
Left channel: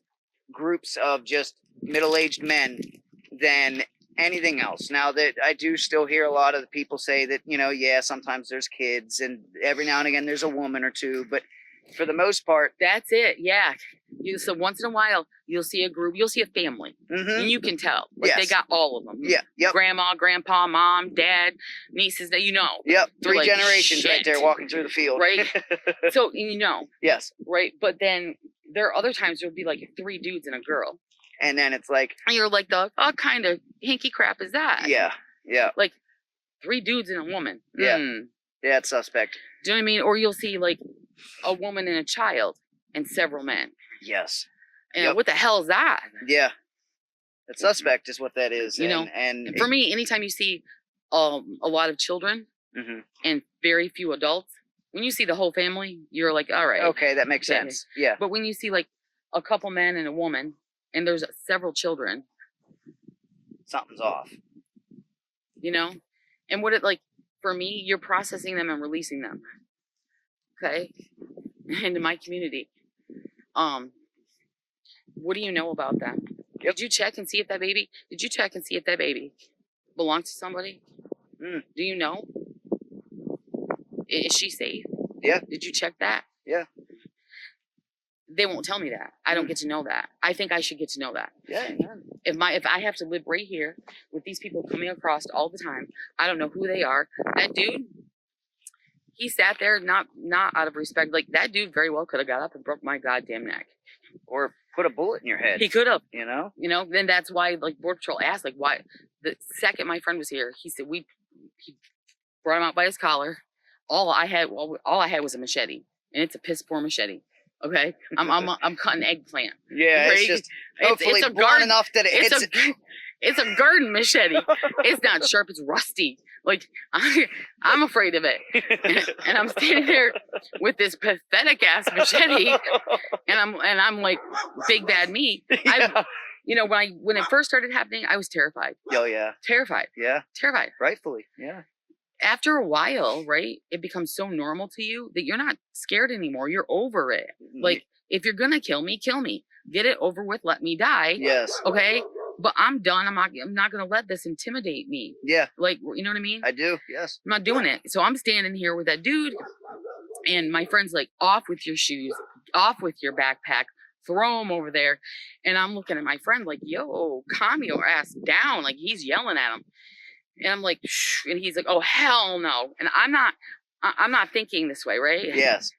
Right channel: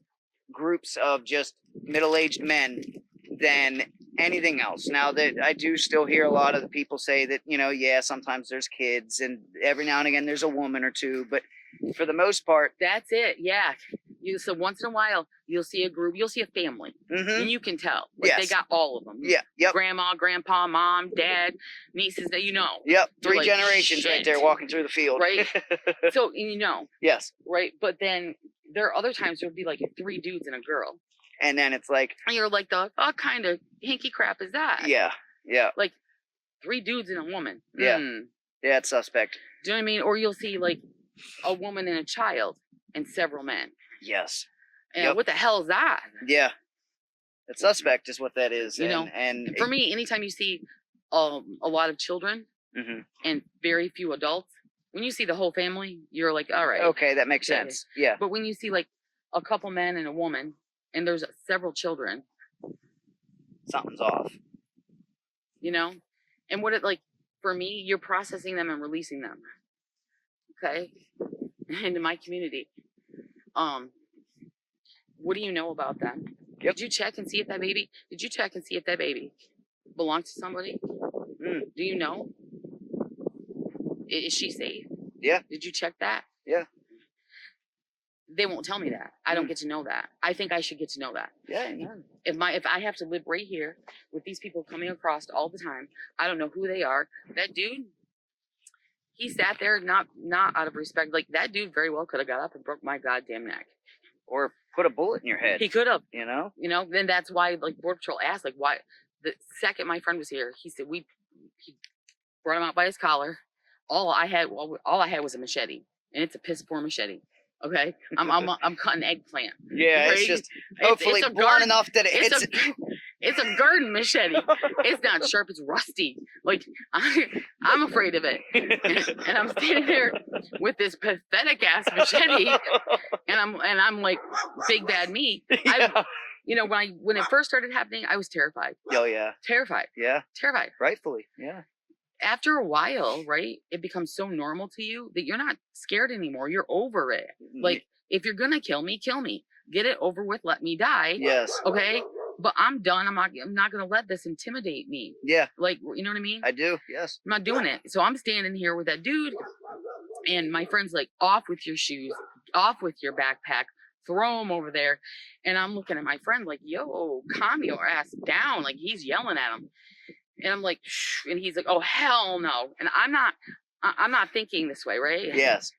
groups of just middle-aged men than anything else. Now that I do still hear a lot of the people say that, yeah, sometimes there's kids and every now and again there's a woman or two, but for the most part, that's it. Yeah. So once in a while, you'll see a group, you'll see a family, and you can tell. Like, they got all of them. Yeah. Yep. Grandma, grandpa, mom, dad, nieces, that Yep. You're 3 like, generations right shit. there walking through the field. Right. So, Yes. Right. But then there are other times there'll be like 3 dudes and a girl. And then it's like, and you're like, what kind of hinky crap is that? Yeah. Yeah. Like 3 dudes and a woman. Yeah. Yeah, it's suspect. Do you know what I mean? Or you'll see like a woman and a child and several men. Yes. And what the hell is that? Yeah. It's suspect is what that is. And for me, anytime you see a lot of children and very few adults, when you see the whole family, you're like, all right. Okay, that makes sense. Yeah. But when you see like a couple men and a woman and there's several children, something's off. And what it like, for me, you're processing them and releasing them. Okay? Into my community. What do you know about them? Yep. Did you check and see if that baby belongs to somebody? Do you know? Is she safe? Yeah. Did you check that? Yeah. They won't tell me that. I don't get to know that. I think I should get to know that. Yeah. If I have to live right here with these people coming across all the time, I don't know who they are. That dude, he sat there not out of respect. Like, that dude very well could have got up and broke my goddamn neck. Or put a bullet in your head. He could have. Then that's why, like, Border Patrol asked, like, why. The second my friend was here, he said he brought him out by his collar. All I had was a machete, and it's a piss poor machete. Okay, I'm cutting eggplant. Yeah, it's just hopefully blunt enough that it hits it. It's a garden machete. It's not sharp. It's rusty. Like, I'm afraid of it. And I'm standing there with this pathetic ass machete, and I'm like, big bad me. Yeah. When it first started happening, I was terrified. Oh yeah. Terrified. Yeah. Terrified. Rightfully. Yeah. After a while, right, it becomes so normal to you that you're not scared anymore. You're over it. Like, if you're gonna kill me, kill me. Get it over with. Let me die. Yes. Okay. But I'm done. I'm not gonna let this intimidate me. Yeah. Like, you know what I mean? I do. Yes. I'm not doing it. So I'm standing here with that dude, and my friend's like, off with your shoes, off with your backpack, throw him over there. And I'm looking at my friend like, yo, calm your ass down. Like, he's yelling at him. And I'm like, shh, and he's like, oh, hell no. And I'm not thinking this way, right? Yes.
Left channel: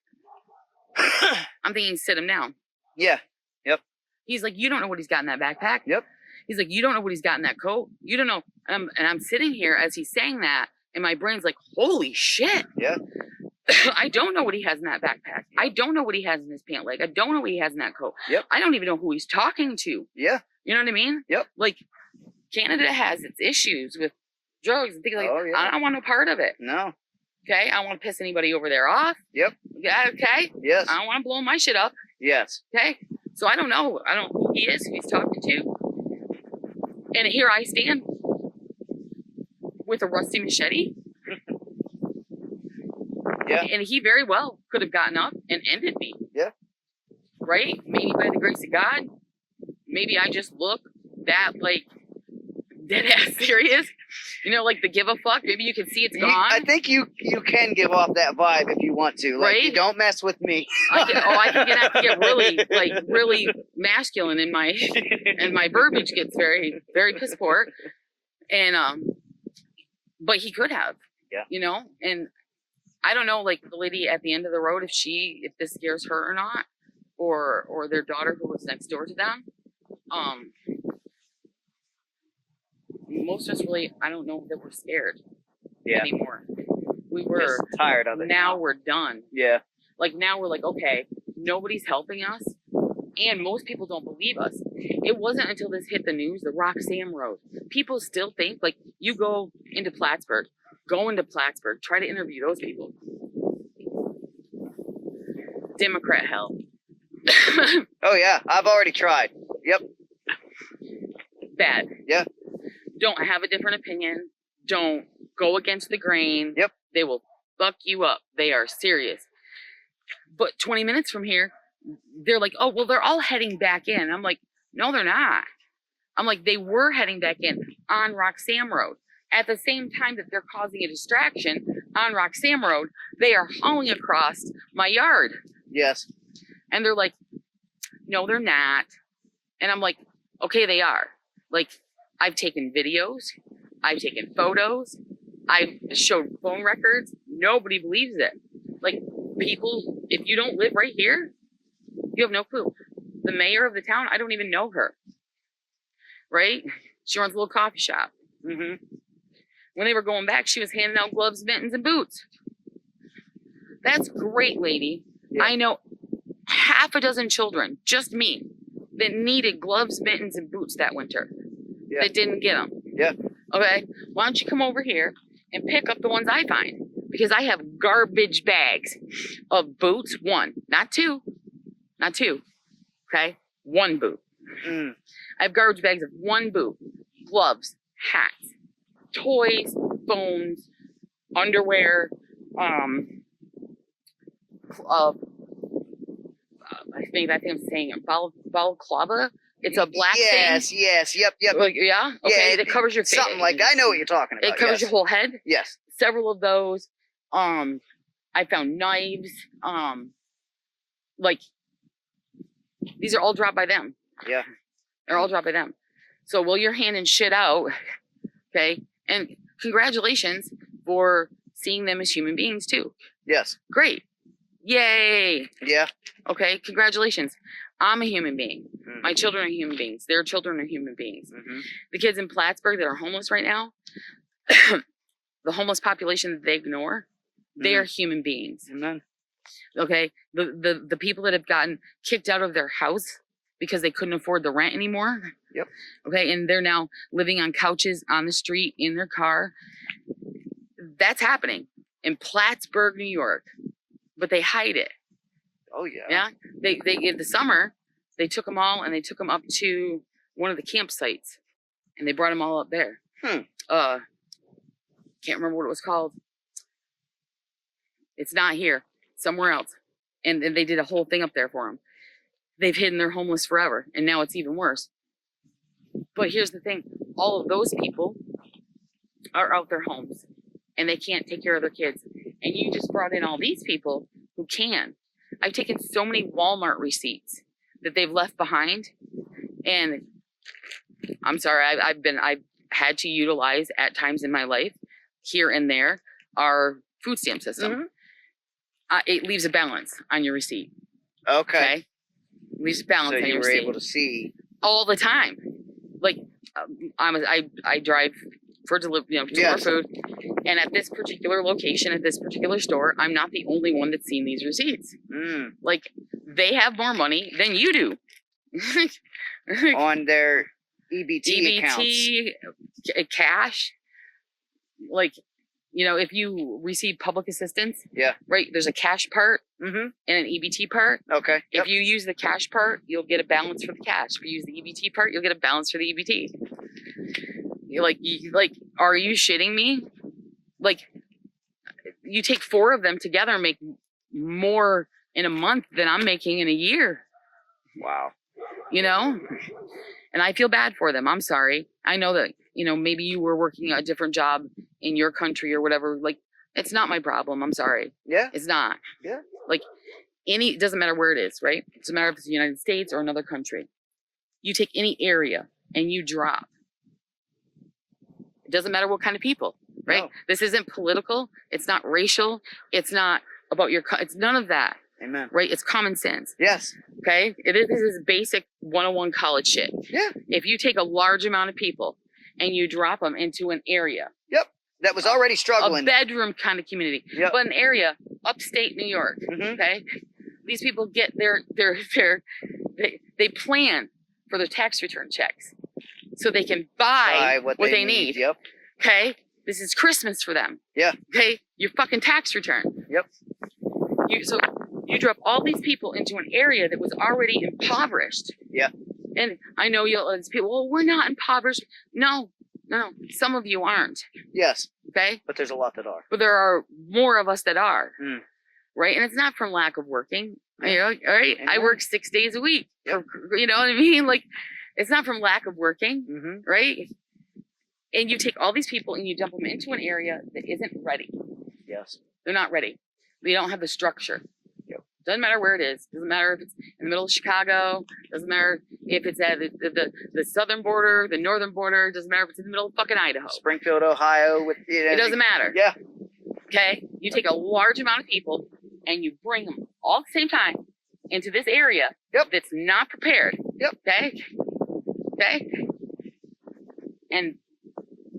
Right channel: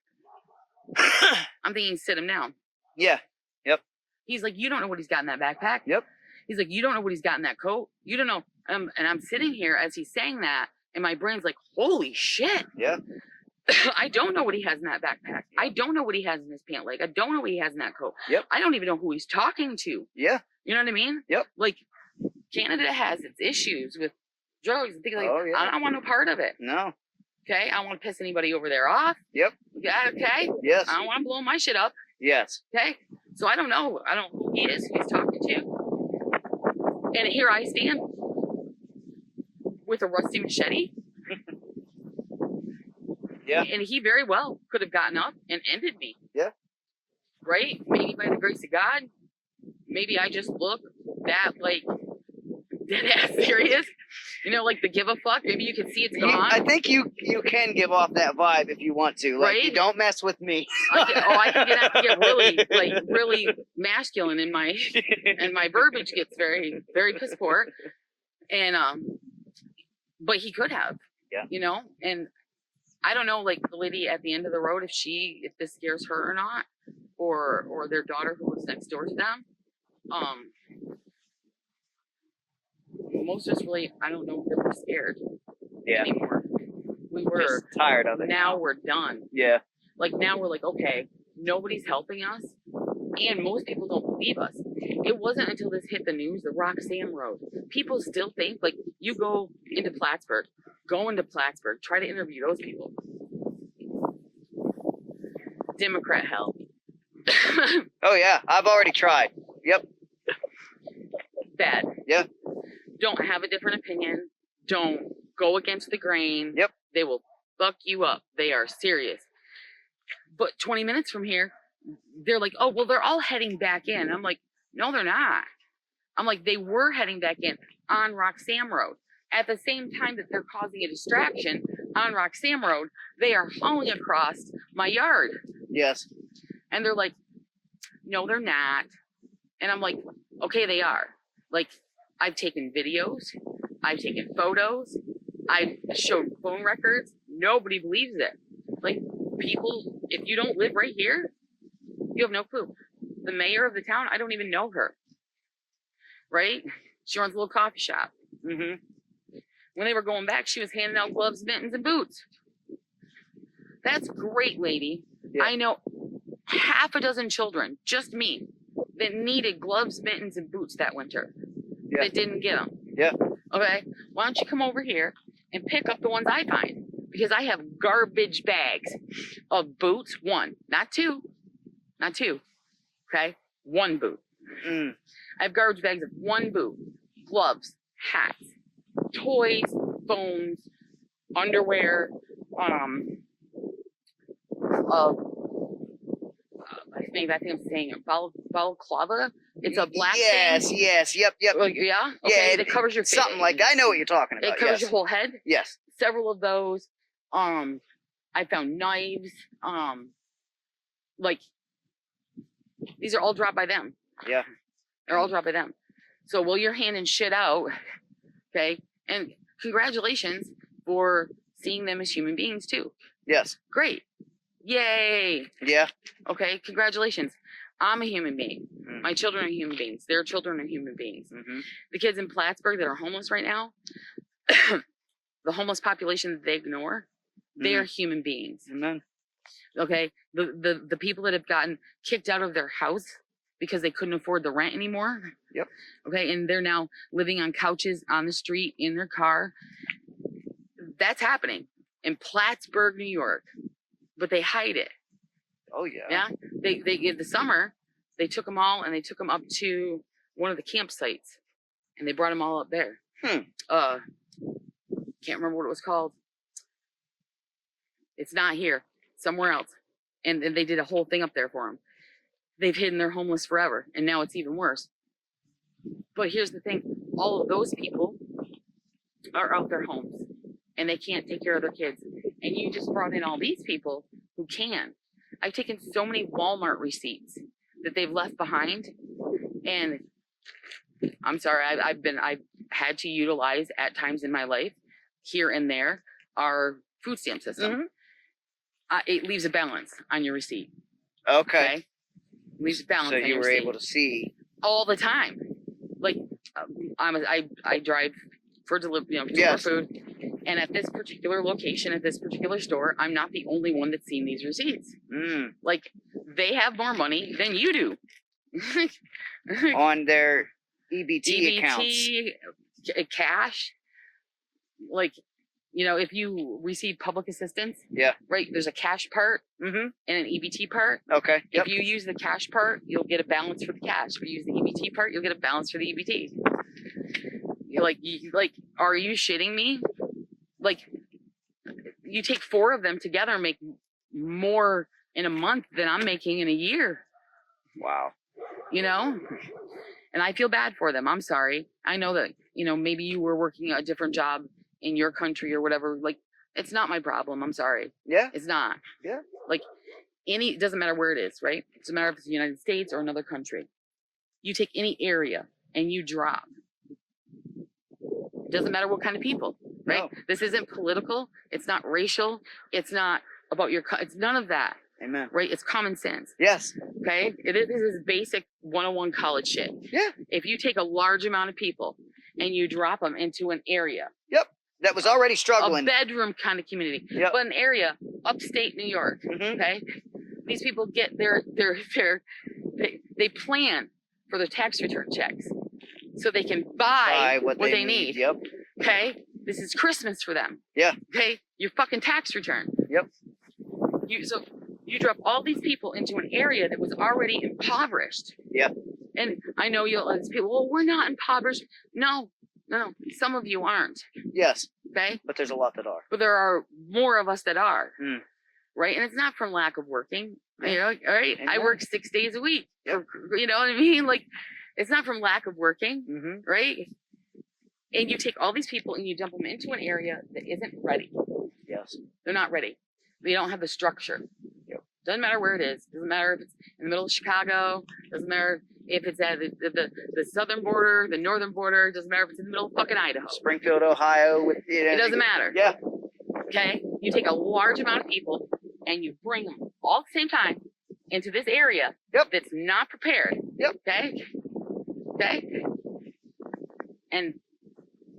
I'm thinking, sit him down. Yeah. Yep. He's like, you don't know what he's got in that backpack. Yep. He's like, you don't know what he's got in that coat. You don't know. And I'm sitting here as he's saying that, and my brain's like, holy shit. Yeah. I don't know what he has in that backpack. I don't know what he has in his pant leg. I don't know what he has in that coat. Yep. I don't even know who he's talking to. Yeah. You know what I mean? Yep. Like, Canada has its issues with drugs and things like that. Oh, yeah. I don't want no part of it. No. Okay? I don't want to piss anybody over there off. Yep. Okay? Yes. I don't want to blow my shit up. Yes. Okay? So I don't know. I don't know who he is, who he's talking to. And here I stand with a rusty machete. Yeah. And he very well could have gotten up and ended me. Yeah. Right? Maybe by the grace of God. Maybe I just look that, like, dead ass serious. Like the give a fuck. Maybe you can see it's gone. I think you can give off that vibe if you want to. Like, right? You don't mess with me. I can get really masculine, and my verbiage gets very, very piss poor. And but he could have. Yeah. And I don't know, like, the lady at the end of the road, if this scares her or not, or their daughter who was next door to them. Most of us really, I don't know if they were scared anymore. We were just tired of it. Now we're done. Yeah. Like, now we're like, okay, nobody's helping us, and most people don't believe us. It wasn't until this hit the news, the Roxanne Road. People still think, like, you go into Plattsburgh, try to interview those people. Democrat hell. Oh yeah, I've already tried. Yep. Bad. Yeah. Don't have a different opinion. Don't go against the grain. Yep. They will fuck you up. They are serious. But 20 minutes from here, they're like, oh, well, they're all heading back in. I'm like, no, they're not. I'm like, they were heading back in on Roxham Road. At the same time that they're causing a distraction on Roxham Road, they are hauling across my yard. Yes. And they're like, no, they're not. And I'm like, okay, they are. Like, I've taken videos, I've taken photos, I've showed phone records. Nobody believes it. Like, people, if you don't live right here, you have no clue. The mayor of the town, I don't even know her. Right? She runs a little coffee shop. Mm-hmm. When they were going back, she was handing out gloves, mittens, and boots. That's great, lady. Yeah. I know half a dozen children, just me, that needed gloves, mittens, and boots that winter. Yeah. That didn't get them. Yeah. Okay? Why don't you come over here and pick up the ones I find? Because I have garbage bags of boots, one, not two. Not two. Okay? One boot. Mm. I have garbage bags of one boot, gloves, hats, toys, phones, underwear, I think I'm saying it, balaclava. It's a black yes, thing. Yes, yep. Like, yeah? Okay, Yeah, it covers your face. Something like, I know what you're talking about. It covers yes. your whole head. Yes. Several of those. I found knives. Like, these are all dropped by them. Yeah. They're all dropped by them. So while you're handing shit out, okay, and congratulations for seeing them as human beings too. Yes. Great. Yay. Yeah. Okay, congratulations. I'm a human being. Mm-hmm. My children are human beings. Their children are human beings. Mm-hmm. The kids in Plattsburgh that are homeless right now, the homeless population that they ignore, they are human beings. Amen. Okay, the people that have gotten kicked out of their house because they couldn't afford the rent anymore. Yep. Okay, and they're now living on couches on the street in their car. That's happening in Plattsburgh, New York, but they hide it. Oh yeah. Yeah, they in the summer they took them all and they took them up to one of the campsites and they brought them all up there. Can't remember what it was called. It's not here, somewhere else. And they did a whole thing up there for them. They've hidden their homeless forever, and now it's even worse. But here's the thing, all of those people are out their homes, and they can't take care of their kids. And you just brought in all these people who can. I've taken so many Walmart receipts that they've left behind, and I'm sorry, I've had to utilize at times in my life, here and there, our food stamp system. Mm-hmm. It leaves a balance on your receipt. Okay. Leaves a balance. So on you your were receipt. able to see all the time. Like I drive for deliver, to yes. food, and at this particular location, at this particular store, I'm not the only one that's seen these receipts. Mm. Like they have more money than you do on their EBT accounts. Cash. Like, if you receive public assistance, yeah, right, there's a cash part and an EBT part. Okay. If you use the cash part, you'll get a balance for the cash. If you use the EBT part, you'll get a balance for the EBT. You're like, are you shitting me? Like, you take 4 of them together and make more in a month than I'm making in a year. Wow. And I feel bad for them. I'm sorry. I know that, maybe you were working a different job in your country or whatever. Like, it's not my problem. I'm sorry. Yeah. It's not. Yeah. Like, it doesn't matter where it is, right? It doesn't matter if it's the United States or another country. You take any area and you drop. It doesn't matter what kind of people, right? No. This isn't political. It's not racial. It's not about it's none of that. Amen. Right? It's common sense. Yes. Okay? This is basic 101 college shit. Yeah. If you take a large amount of people and you drop them into an area. Yep. That was already struggling. A bedroom kind of community. Yep. But an area, upstate New York. Mm-hmm. Okay? These people get they plan for their tax return checks so they can buy what they need. Yep. Okay? This is Christmas for them. Yeah. Okay? Your fucking tax return. Yep. So you drop all these people into an area that was already impoverished. Yeah. And I know these people, well, we're not impoverished. No, some of you aren't. Yes. Okay? But there's a lot that are. But there are more of us that are. Mm. Right? And it's not from lack of working. Yeah. All right? Amen. I work 6 days a week. Yep. You know what I mean? Like, It's not from lack of working, Mm-hmm. right? And you take all these people and you dump them into an area that isn't ready. Yes. They're not ready. They don't have the structure. Yep. Doesn't matter where it is. Doesn't matter if it's in the middle of Chicago. Doesn't matter if it's at the southern border, the northern border. Doesn't matter if it's in the middle of fucking Idaho. Springfield, Ohio. With It doesn't matter. Yeah. Okay? You take a large amount of people and you bring them all at the same time into this area that's not prepared. Yep. Okay? Okay? And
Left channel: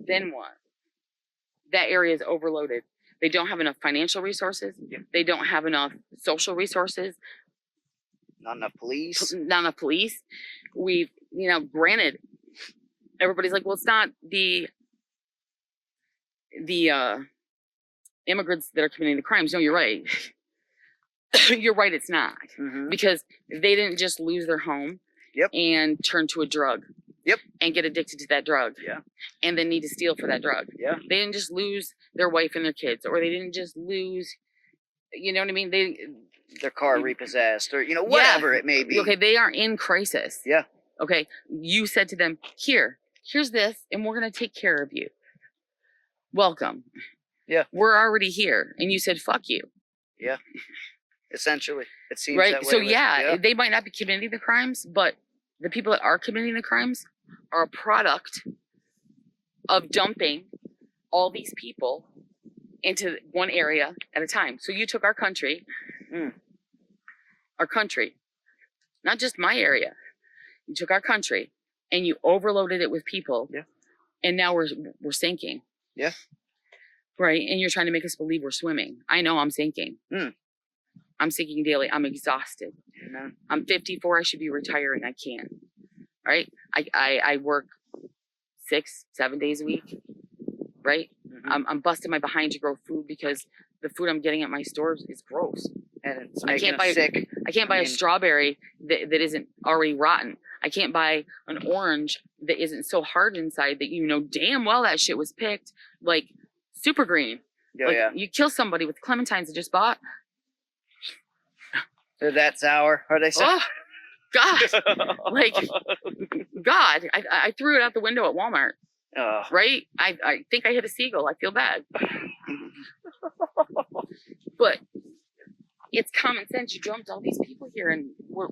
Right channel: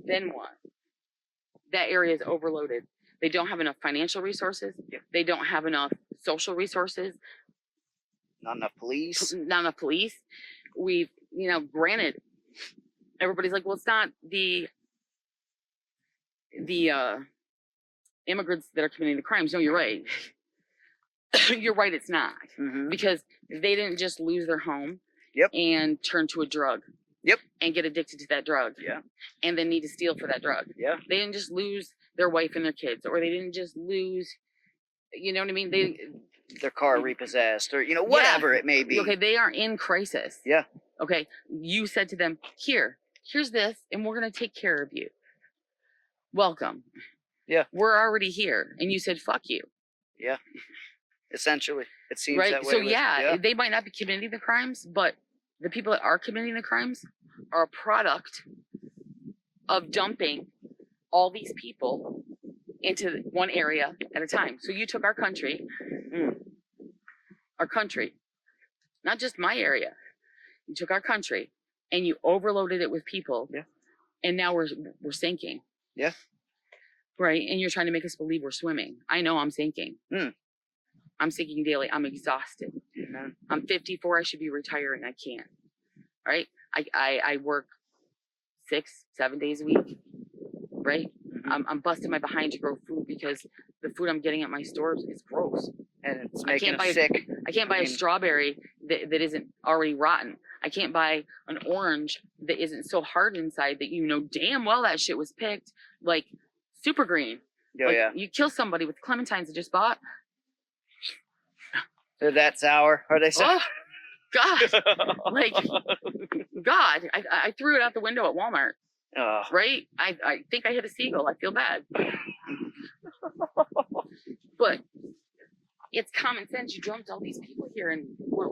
then what? That area is overloaded. They don't have enough financial resources. Yep. They don't have enough social resources. Not enough police. Not enough police. We've, granted, everybody's like, well, it's not the immigrants that are committing the crimes. No, you're right. You're right, it's not. Mm-hmm. Because they didn't just lose their home and turn to a drug. Yep. And get addicted to that drug. Yeah. And then need to steal for that drug. Yeah. They didn't just lose their wife and their kids, or they didn't just lose, you know what I mean? Their car repossessed, or whatever it may be. Okay, they are in crisis. Yeah. Okay, you said to them, here's this, and we're gonna take care of you. Welcome. Yeah. We're already here, and you said fuck you. Yeah. Essentially, it seems right. that way. So yeah, they might not be committing the crimes, but the people that are committing the crimes are a product of dumping all these people into one area at a time. So you took our country, not just my area. You took our country and you overloaded it with people. Yeah. And now we're sinking. Yeah. Right. And you're trying to make us believe we're swimming. I know I'm sinking. I'm sinking daily. I'm exhausted. Amen. I'm 54. I should be retiring. I can't. Right. I work 6-7 days a week. Right. Mm-hmm. I'm busting my behind to grow food because the food I'm getting at my stores is gross. And it's making us sick. I can't buy a strawberry that isn't already rotten. I can't buy an orange that isn't so hard inside that you know damn well that shit was picked like super green. Oh, like, yeah. You kill somebody with clementines I just bought. They're that sour. Are they sour? Oh, God. Like, God. I threw it out the window at Walmart. Oh. Right? I think I hit a seagull. I feel bad. But it's common sense. You dumped all these people here and we're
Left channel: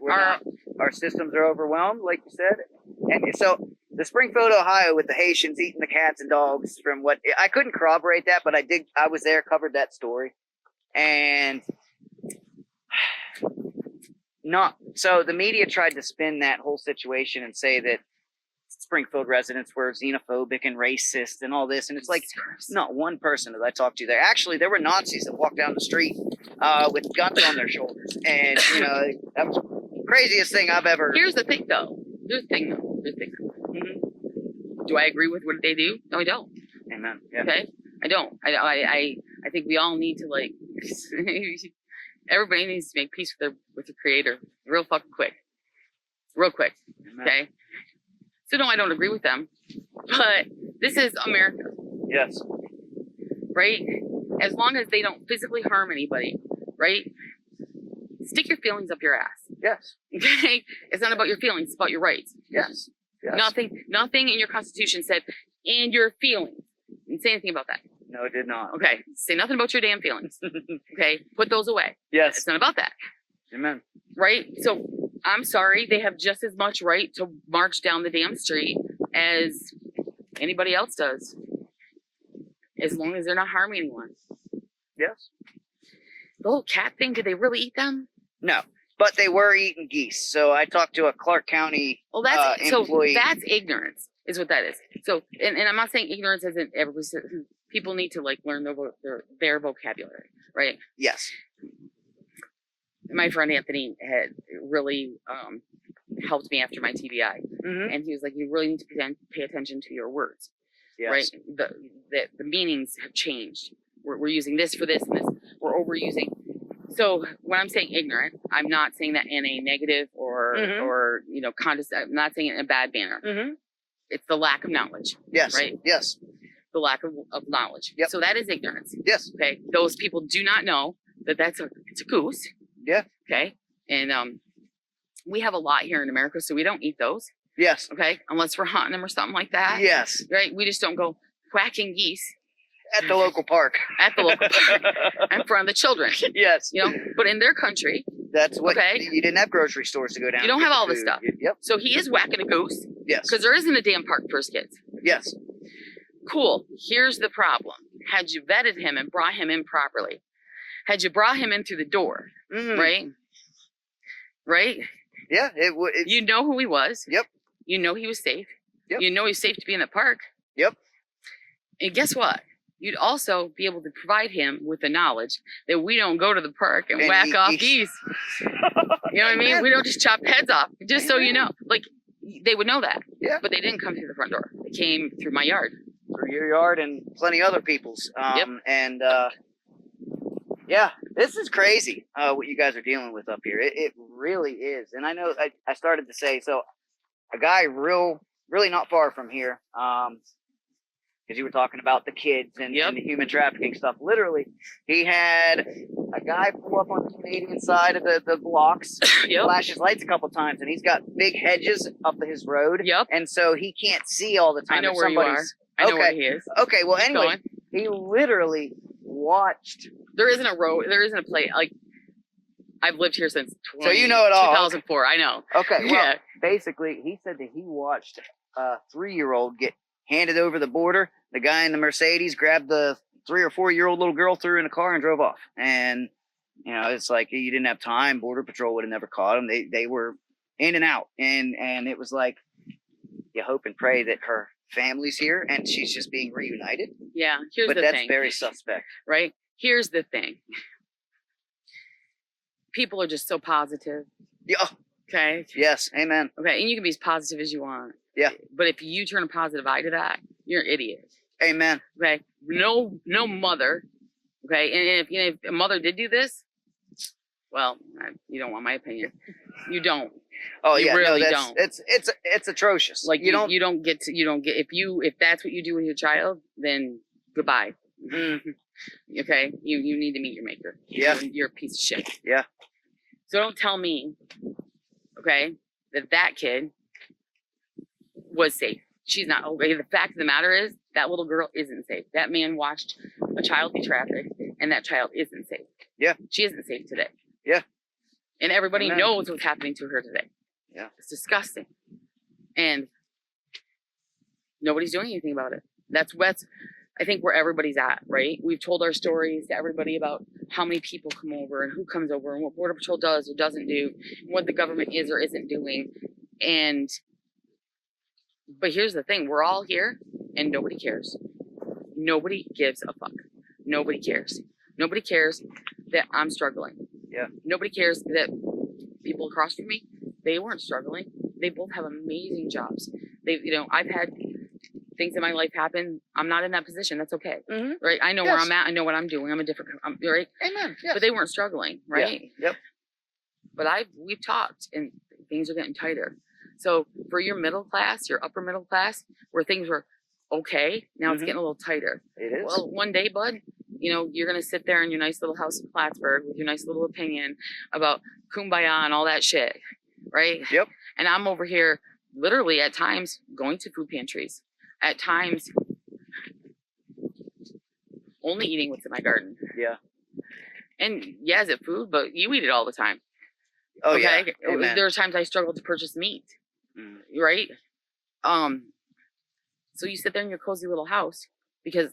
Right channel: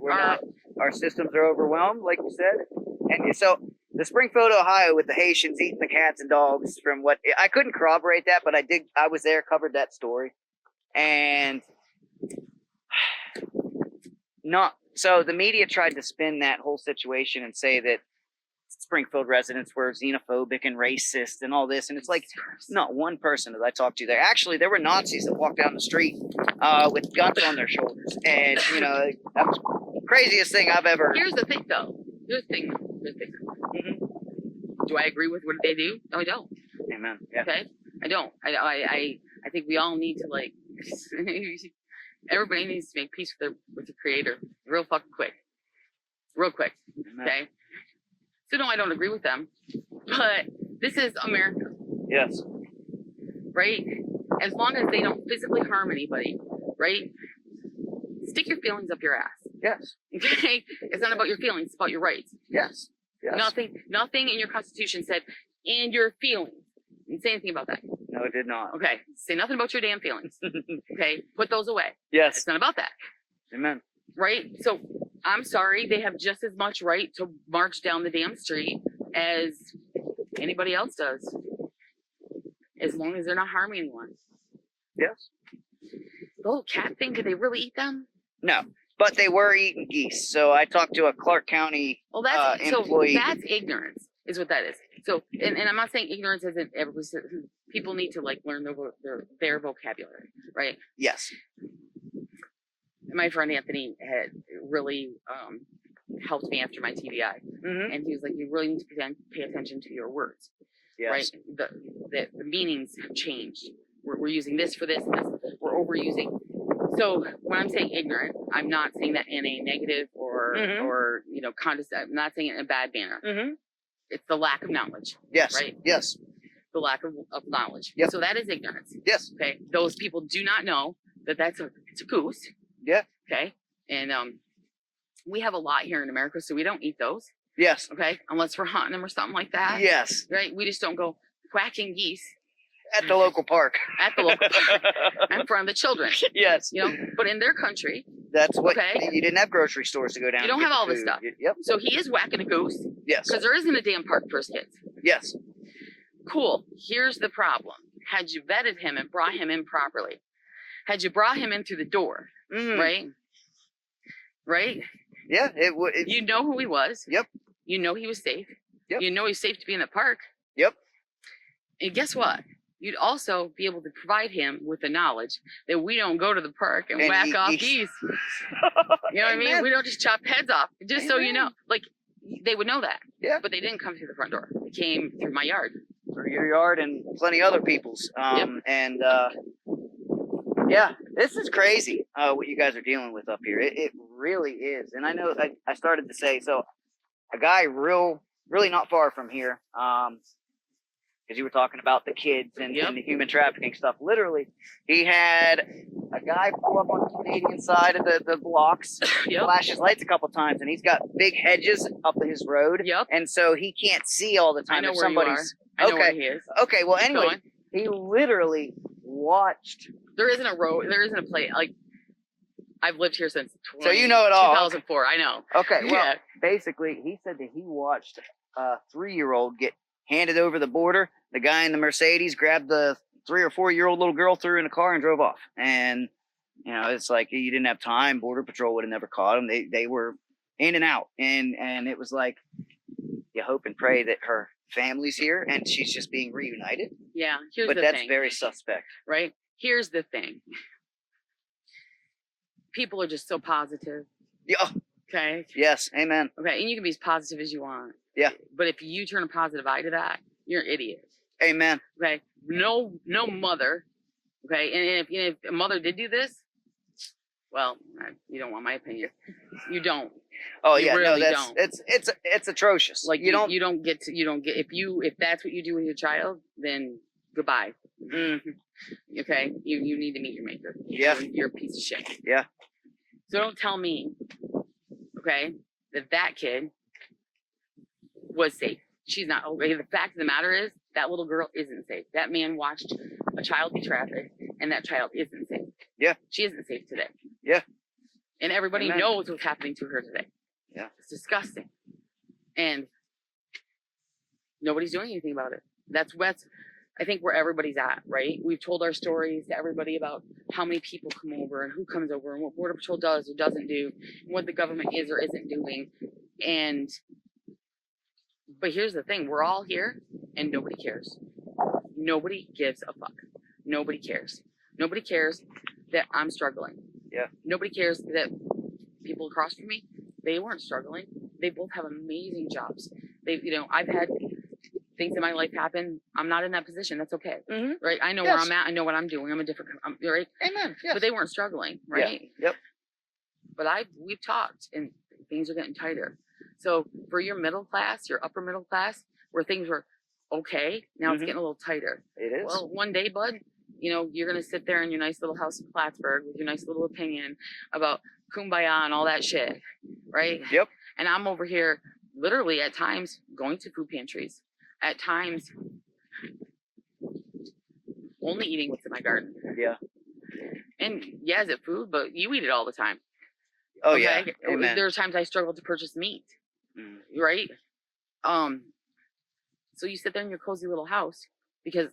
not. Our systems are overwhelmed, like you said. And so the Springfield, Ohio, with the Haitians eating the cats and dogs, from what I couldn't corroborate that, but I was there, covered that story. And so the media tried to spin that whole situation and say that Springfield residents were xenophobic and racist and all this, and it's like not one person that I talked to there. Actually, there were Nazis that walked down the street with guns on their shoulders, and that was the craziest thing I've ever. Here's the thing, though. Mm-hmm. Do I agree with what they do? No, I don't. Amen. Yeah. Okay, I don't. I think we all need to everybody needs to make peace with the Creator, real fucking quick, Amen. Okay. So no, I don't agree with them, but this is America. Yes. Right? As long as they don't physically harm anybody, right? Stick your feelings up your ass. Yes. Okay? It's not about your feelings, it's about your rights. Yes. Yes. Nothing in your Constitution said, and your feelings. Didn't say anything about that. No, it did not. Okay. Say nothing about your damn feelings. Okay? Put those away. Yes. It's not about that. Amen. Right? So I'm sorry, they have just as much right to march down the damn street as anybody else does. As long as they're not harming anyone. Yes. The whole cat thing, did they really eat them? No. But they were eating geese. So I talked to a Clark County employee. So that's ignorance, is what that is. So, and I'm not saying ignorance isn't people need to learn their vocabulary, right? Yes. My friend Anthony had really helped me after my TBI, and he was like, "You really need to pay attention to your words, yes. right? The meanings have changed. We're using this for this, and this. We're overusing." So when I'm saying ignorant, I'm not saying that in a negative or condescending. I'm not saying it in a bad manner. Mm-hmm. It's the lack of knowledge. Yes. Right. Yes. The lack of knowledge. Yep. So that is ignorance. Yes. Okay. Those people do not know that it's a goose. Yeah. Okay. And We have a lot here in America, so we don't eat those. Yes. Okay, unless we're hunting them or something like that. Yes. Right? We just don't go whacking geese At the local park. at the local park in front of the children. Yes. You know, but in their country, That's what Okay. you didn't have grocery stores to go down. You don't and have get all this food. stuff. Yep. so he is whacking a goose Yes. because there isn't a damn park for his kids. Yes. Cool. Here's the problem. Had you vetted him and brought him in properly, had you brought him in through the door, right? Right? Yeah. It would. You know who he was. Yep. You know he was safe. Yep. You know he's safe to be in the park. Yep. And guess what? You'd also be able to provide him with the knowledge that we don't go to the park and whack off geese. You know what I mean? We don't just chop heads off. Just so you know. Like, they would know that. Yeah. But they didn't come through the front door. They came through my yard. Through your yard and plenty other people's. And yeah, this is crazy what you guys are dealing with up here. It really is. And I know I started to say, so a guy really not far from here, because you were talking about the kids and the human trafficking stuff. Literally, he had a guy pull up on the Canadian side of the blocks, flash his lights a couple times, and he's got big hedges up his road. And so he can't see all the time. I know if where somebody's, you are. I know where he is. Okay, well, anyway, he literally watched. There isn't a road. There isn't a place. Like, I've lived here since so you know it all. 2004. I know. Okay, well, basically, he said that he watched a 3-year-old get handed over the border. The guy in the Mercedes grabbed the 3 or 4-year-old little girl, threw her in a car, and drove off. And you know, it's like you didn't have time. Border Patrol would have never caught them. They were in and out, and it was like you hope and pray that her family's here and she's just being reunited. Yeah, here's but the that's thing. very suspect, right? Here's the thing. People are just so positive. Yeah. Okay. Yes. Amen. Okay, and you can be as positive as you want. Yeah. But if you turn a positive eye to that, you're an idiot. Amen. Okay. No mother. Okay. And if a mother did do this, well, you don't want my opinion. You don't. Oh you yeah. really No, it's atrocious. Like you don't get if that's what you do with your child, then goodbye. Okay. You need to meet your maker. Yeah. You're a piece of shit. Yeah. So don't tell me, okay, that kid was safe. She's not. Okay, the fact of the matter is that little girl isn't safe. That man watched a child be trafficked, and that child isn't safe. Yeah. She isn't safe today. Yeah. And everybody knows what's happening to her today. Yeah. It's disgusting. And nobody's doing anything about it. That's I think where everybody's at, right? We've told our stories to everybody about how many people come over and who comes over and what Border Patrol does or doesn't do, and what the government is or isn't doing. But here's the thing, we're all here and nobody cares. Nobody gives a fuck. Nobody cares. Nobody cares that I'm struggling. Yeah. Nobody cares that people across from me, they weren't struggling. They both have amazing jobs. I've had things in my life happen. I'm not in that position. That's okay. Right? I know where I'm at. I know what I'm doing. I'm right? Amen. Yes. But they weren't struggling, right? Yeah. Yep. But we've talked and things are getting tighter. So for your middle class, your upper middle class, where things were okay, now it's getting a little tighter. It is. Well, one day, bud, you're going to sit there in your nice little house in Plattsburgh with your nice little opinion about kumbaya and all that shit, right? Yep. And I'm over here literally at times going to food pantries, at times only eating what's in my garden. Yeah. And yeah, is it food? But you eat it all the time. Oh, okay? Yeah. Amen. There are times I struggle to purchase meat, right? So you sit there in your cozy little house because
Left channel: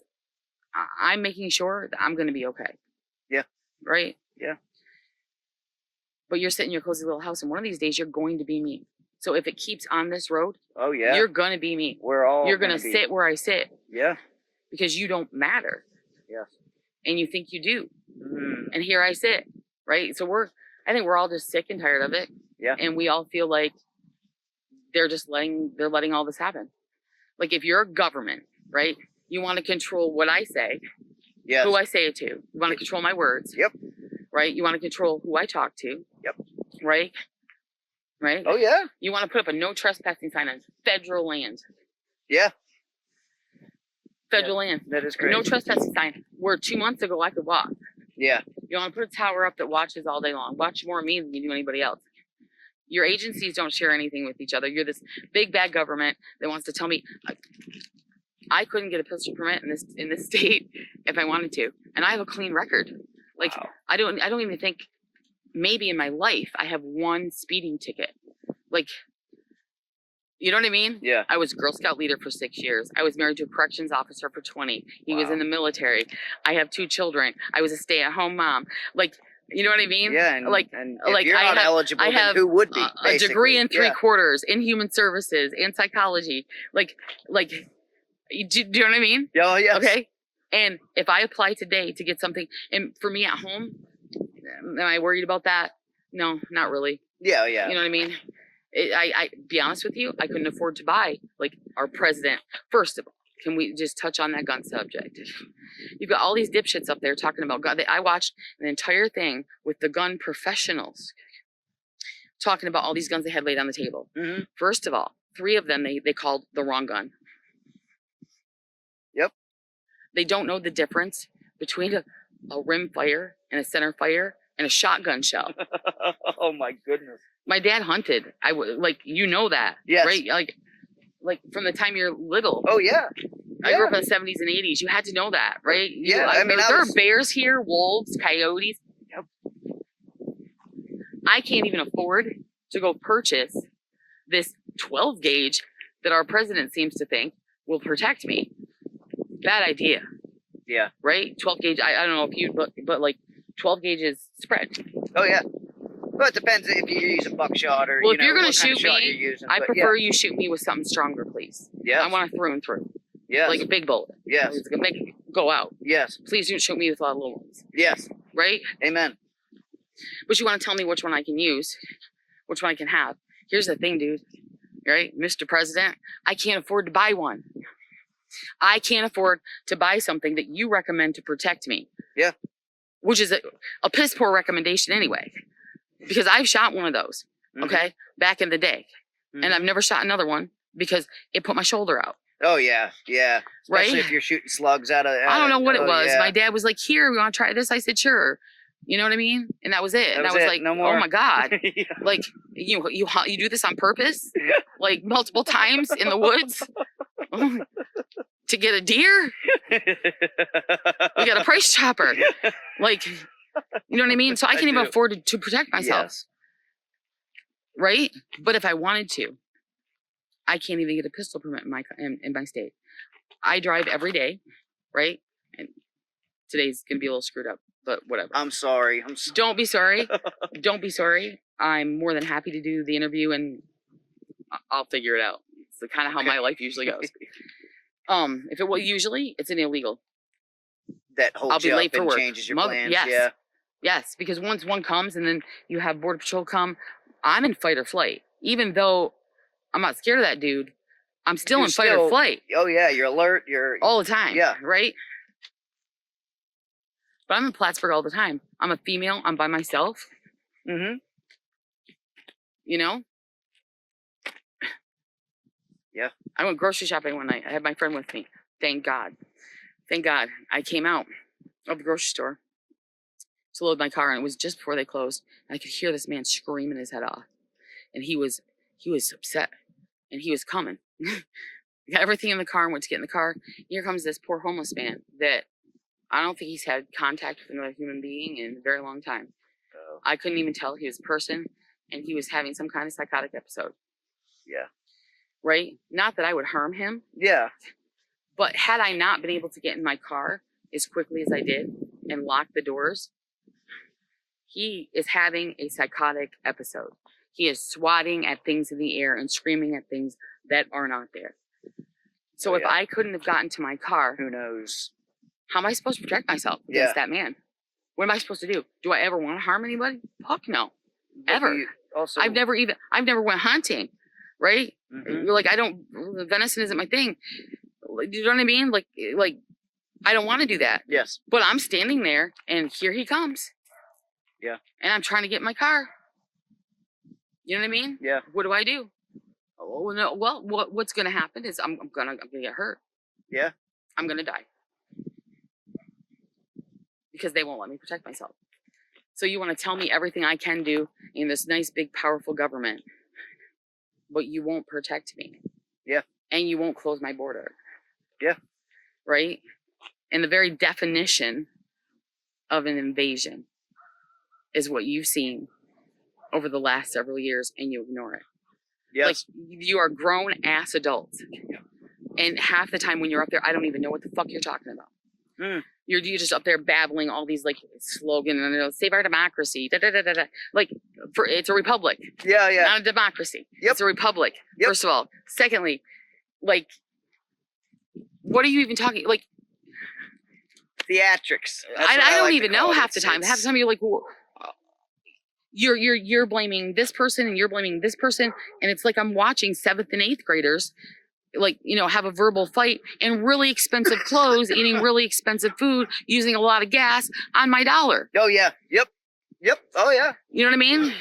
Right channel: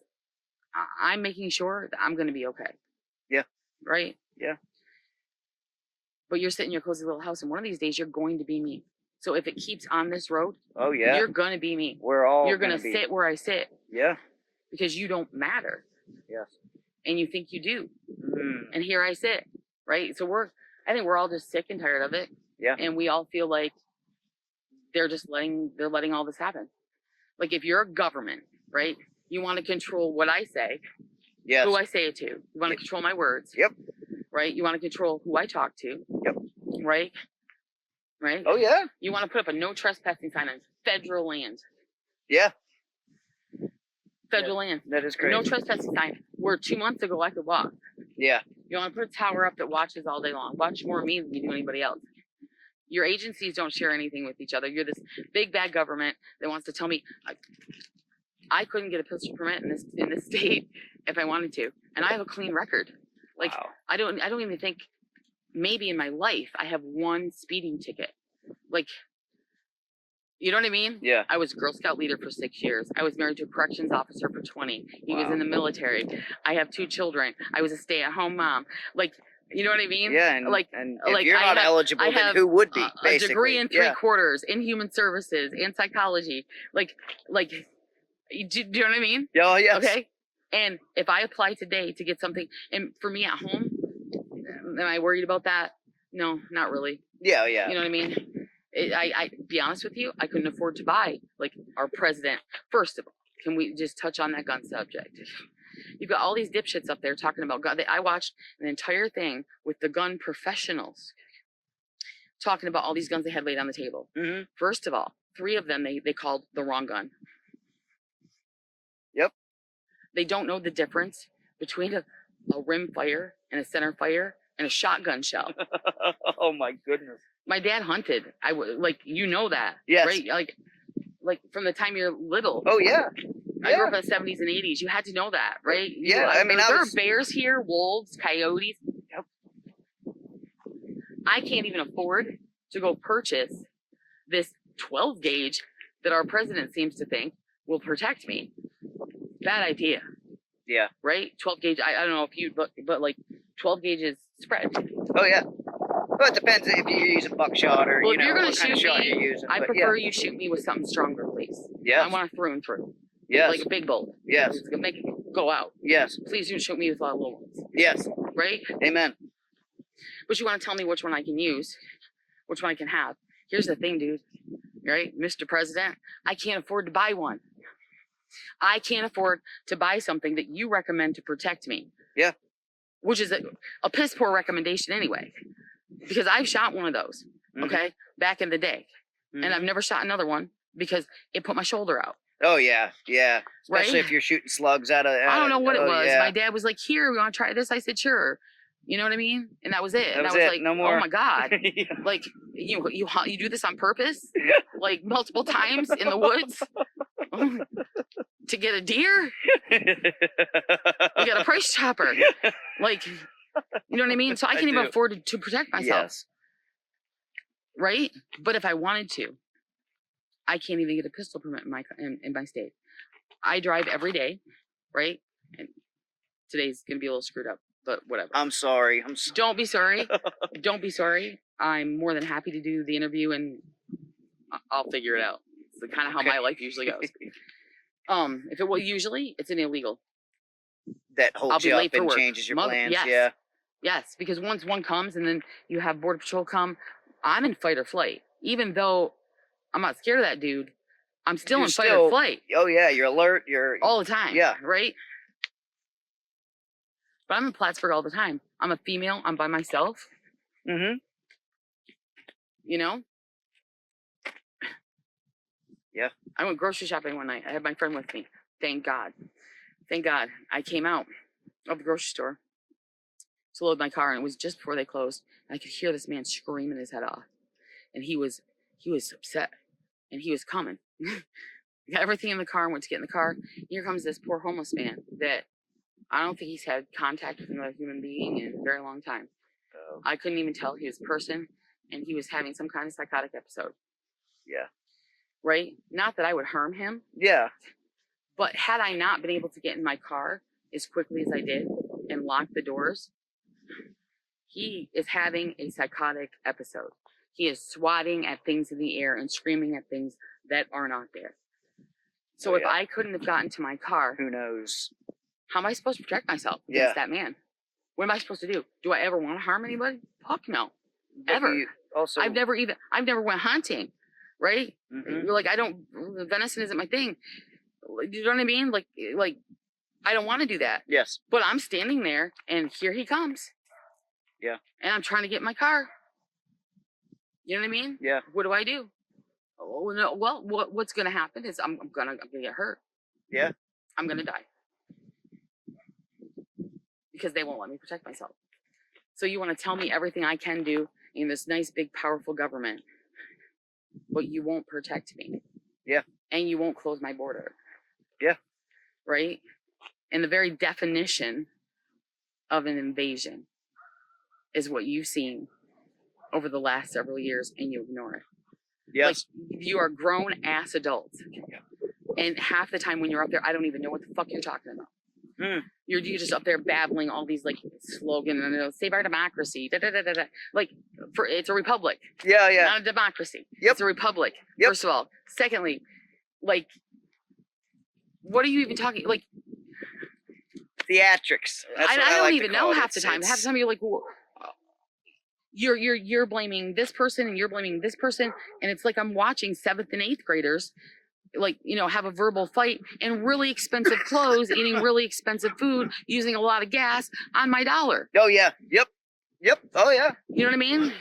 I'm making sure that I'm going to be okay. Yeah. Right? Yeah. But you're sitting in your cozy little house, and one of these days you're going to be me. So if it keeps on this road, oh yeah, you're going to be me. You're going to sit where I sit. Yeah. Because you don't matter. Yes. And you think you do. And here I sit, right? So I think we're all just sick and tired of it. Yeah. And we all feel like they're letting all this happen. Like if you're a government, right? You want to control what I say. Yes. Who I say it to. You want to control my words. Yep. Right? You want to control who I talk to. Yep. Right? Right? Oh yeah. You want to put up a no trespassing sign on federal land. Yeah. Federal land. That is crazy. No trespassing sign. Where 2 months ago I could walk. Yeah. You want to put a tower up that watches all day long. Watch more of me than you do anybody else. Your agencies don't share anything with each other. You're this big bad government that wants to tell me I couldn't get a pistol permit in this state if I wanted to, and I have a clean record. Like Wow. I don't even think maybe in my life I have one speeding ticket. Like, you know what I mean? Yeah. I was Girl Scout leader for 6 years. I was married to a corrections officer for 20. He was Wow. in the military. I have 2 children. I was a stay-at-home mom. Like, you know what I mean? Yeah, and like, and if like you're not eligible, then who would be? a Basically, degree in 3 yeah. quarters in human services and psychology. Like, do you know what I mean? Oh, yes. Okay. And if I apply today to get something, and for me at home, am I worried about that? No, not really. Yeah, yeah. You know what I mean? I be honest with you, I couldn't afford to buy like our president. First of all, can we just touch on that gun subject? You've got all these dipshits up there talking about gun. I watched an entire thing with the gun professionals talking about all these guns they had laid on the table. Mm-hmm. First of all, 3 of them they called the wrong gun. Yep. They don't know the difference between a rim fire and a center fire and a shotgun shell. Oh my goodness. My dad hunted. I would like, you know that, yes. right? Like from the time you're little. Oh yeah. I grew up in the 70s and 80s. You had to know that, right? Yeah. I mean, there are bears here, wolves, coyotes. Yep. I can't even afford to go purchase this 12 gauge that our president seems to think will protect me. Bad idea. Yeah. Right? 12 gauge. I don't know if you, but like 12 gauge is spread. Oh yeah. Well, it depends if you use a buckshot or, well, you know, if you're gonna what kind of shoot shot me, you're using. I but prefer yeah. you shoot me with something stronger, please. Yes. I want to through and through. Yes. Like a big bolt. Yes. It's gonna make it go out. Yes. Please don't shoot me with a lot of little ones. Yes. Right? Amen. But you want to tell me which one I can use, which one I can have. Here's the thing, dude. Right? Mr. President, I can't afford to buy one. I can't afford to buy something that you recommend to protect me. Yeah. Which is a piss poor recommendation anyway. Because I've shot one of those, okay, back in the day. And I've never shot another one because it put my shoulder out. Oh, yeah, yeah. Especially right? if you're shooting slugs out of... I don't know what it was. Yeah. My dad was like, here, we want to try this? I said, sure. You know what I mean? And that was it. That and was I was it. like, No more. oh my God. Yeah. Like, you do this on purpose? Like multiple times in the woods? To get a deer? We got a price chopper. Like, you know what I mean? So I can't even afford to protect myself. Yes. Right? But if I wanted to, I can't even get a pistol permit in my state. I drive every day, right? And today's gonna be a little screwed up, but whatever. I'm sorry. Don't be sorry. Don't be sorry. I'm more than happy to do the interview, and I'll figure it out. It's kind of how my life usually goes. If it was usually, it's an illegal. That holds I'll be you late up for and work. changes your plans. Yes. Yeah. Yes, because once one comes and then you have Border Patrol come, I'm in fight or flight. Even though I'm not scared of that dude, I'm still in fight or flight. Oh yeah, you're alert. You're all the time. Yeah. Right? But I'm in Plattsburgh all the time. I'm a female. I'm by myself. Mm-hmm. You know? Yeah. I went grocery shopping one night. I had my friend with me. Thank God. Thank God. I came out of the grocery store to load my car, and it was just before they closed. And I could hear this man screaming his head off. And he was upset. And he was coming. I got everything in the car and went to get in the car. Here comes this poor homeless man that I don't think he's had contact with another human being in a very long time. Oh. I couldn't even tell he was a person, and he was having some kind of psychotic episode. Yeah. Right? Not that I would harm him. Yeah. But had I not been able to get in my car as quickly as I did and lock the doors, he is having a psychotic episode. He is swatting at things in the air and screaming at things that are not there. So if I couldn't have gotten to my car, who knows? How am I supposed to protect myself against that man? What am I supposed to do? Do I ever want to harm anybody? Fuck no. But ever. Also, I've never went hunting, right? Mm-hmm. Like venison isn't my thing. Do you know what I mean? Like I don't want to do that. Yes. But I'm standing there and here he comes. Yeah. And I'm trying to get in my car. You know what I mean? Yeah. What do I do? Oh no. Well, what's gonna happen is I'm gonna get hurt. Yeah. I'm gonna die. Because they won't let me protect myself. So you want to tell me everything I can do in this nice, big, powerful government, but you won't protect me. Yeah. And you won't close my border. Yeah. Right? And the very definition of an invasion is what you've seen over the last several years, and you ignore it. Yes. Like, you are grown ass adults. And half the time when you're up there, I don't even know what the fuck you're talking about. You're just up there babbling all these like slogans and save our democracy. Da, da, da, da, da. Like, it's a republic. Yeah, yeah. Not a democracy. Yep. It's a republic. Yep. First of all. Secondly, like, what are you even talking? Like, theatrics. I don't even know half the time. Half the time you're like, well, you're blaming this person and you're blaming this person, and it's like I'm watching 7th and 8th graders, like, you know, have a verbal fight in really expensive clothes, eating really expensive food, using a lot of gas on my dollar. Oh yeah. Yep. Oh yeah. You know what I mean?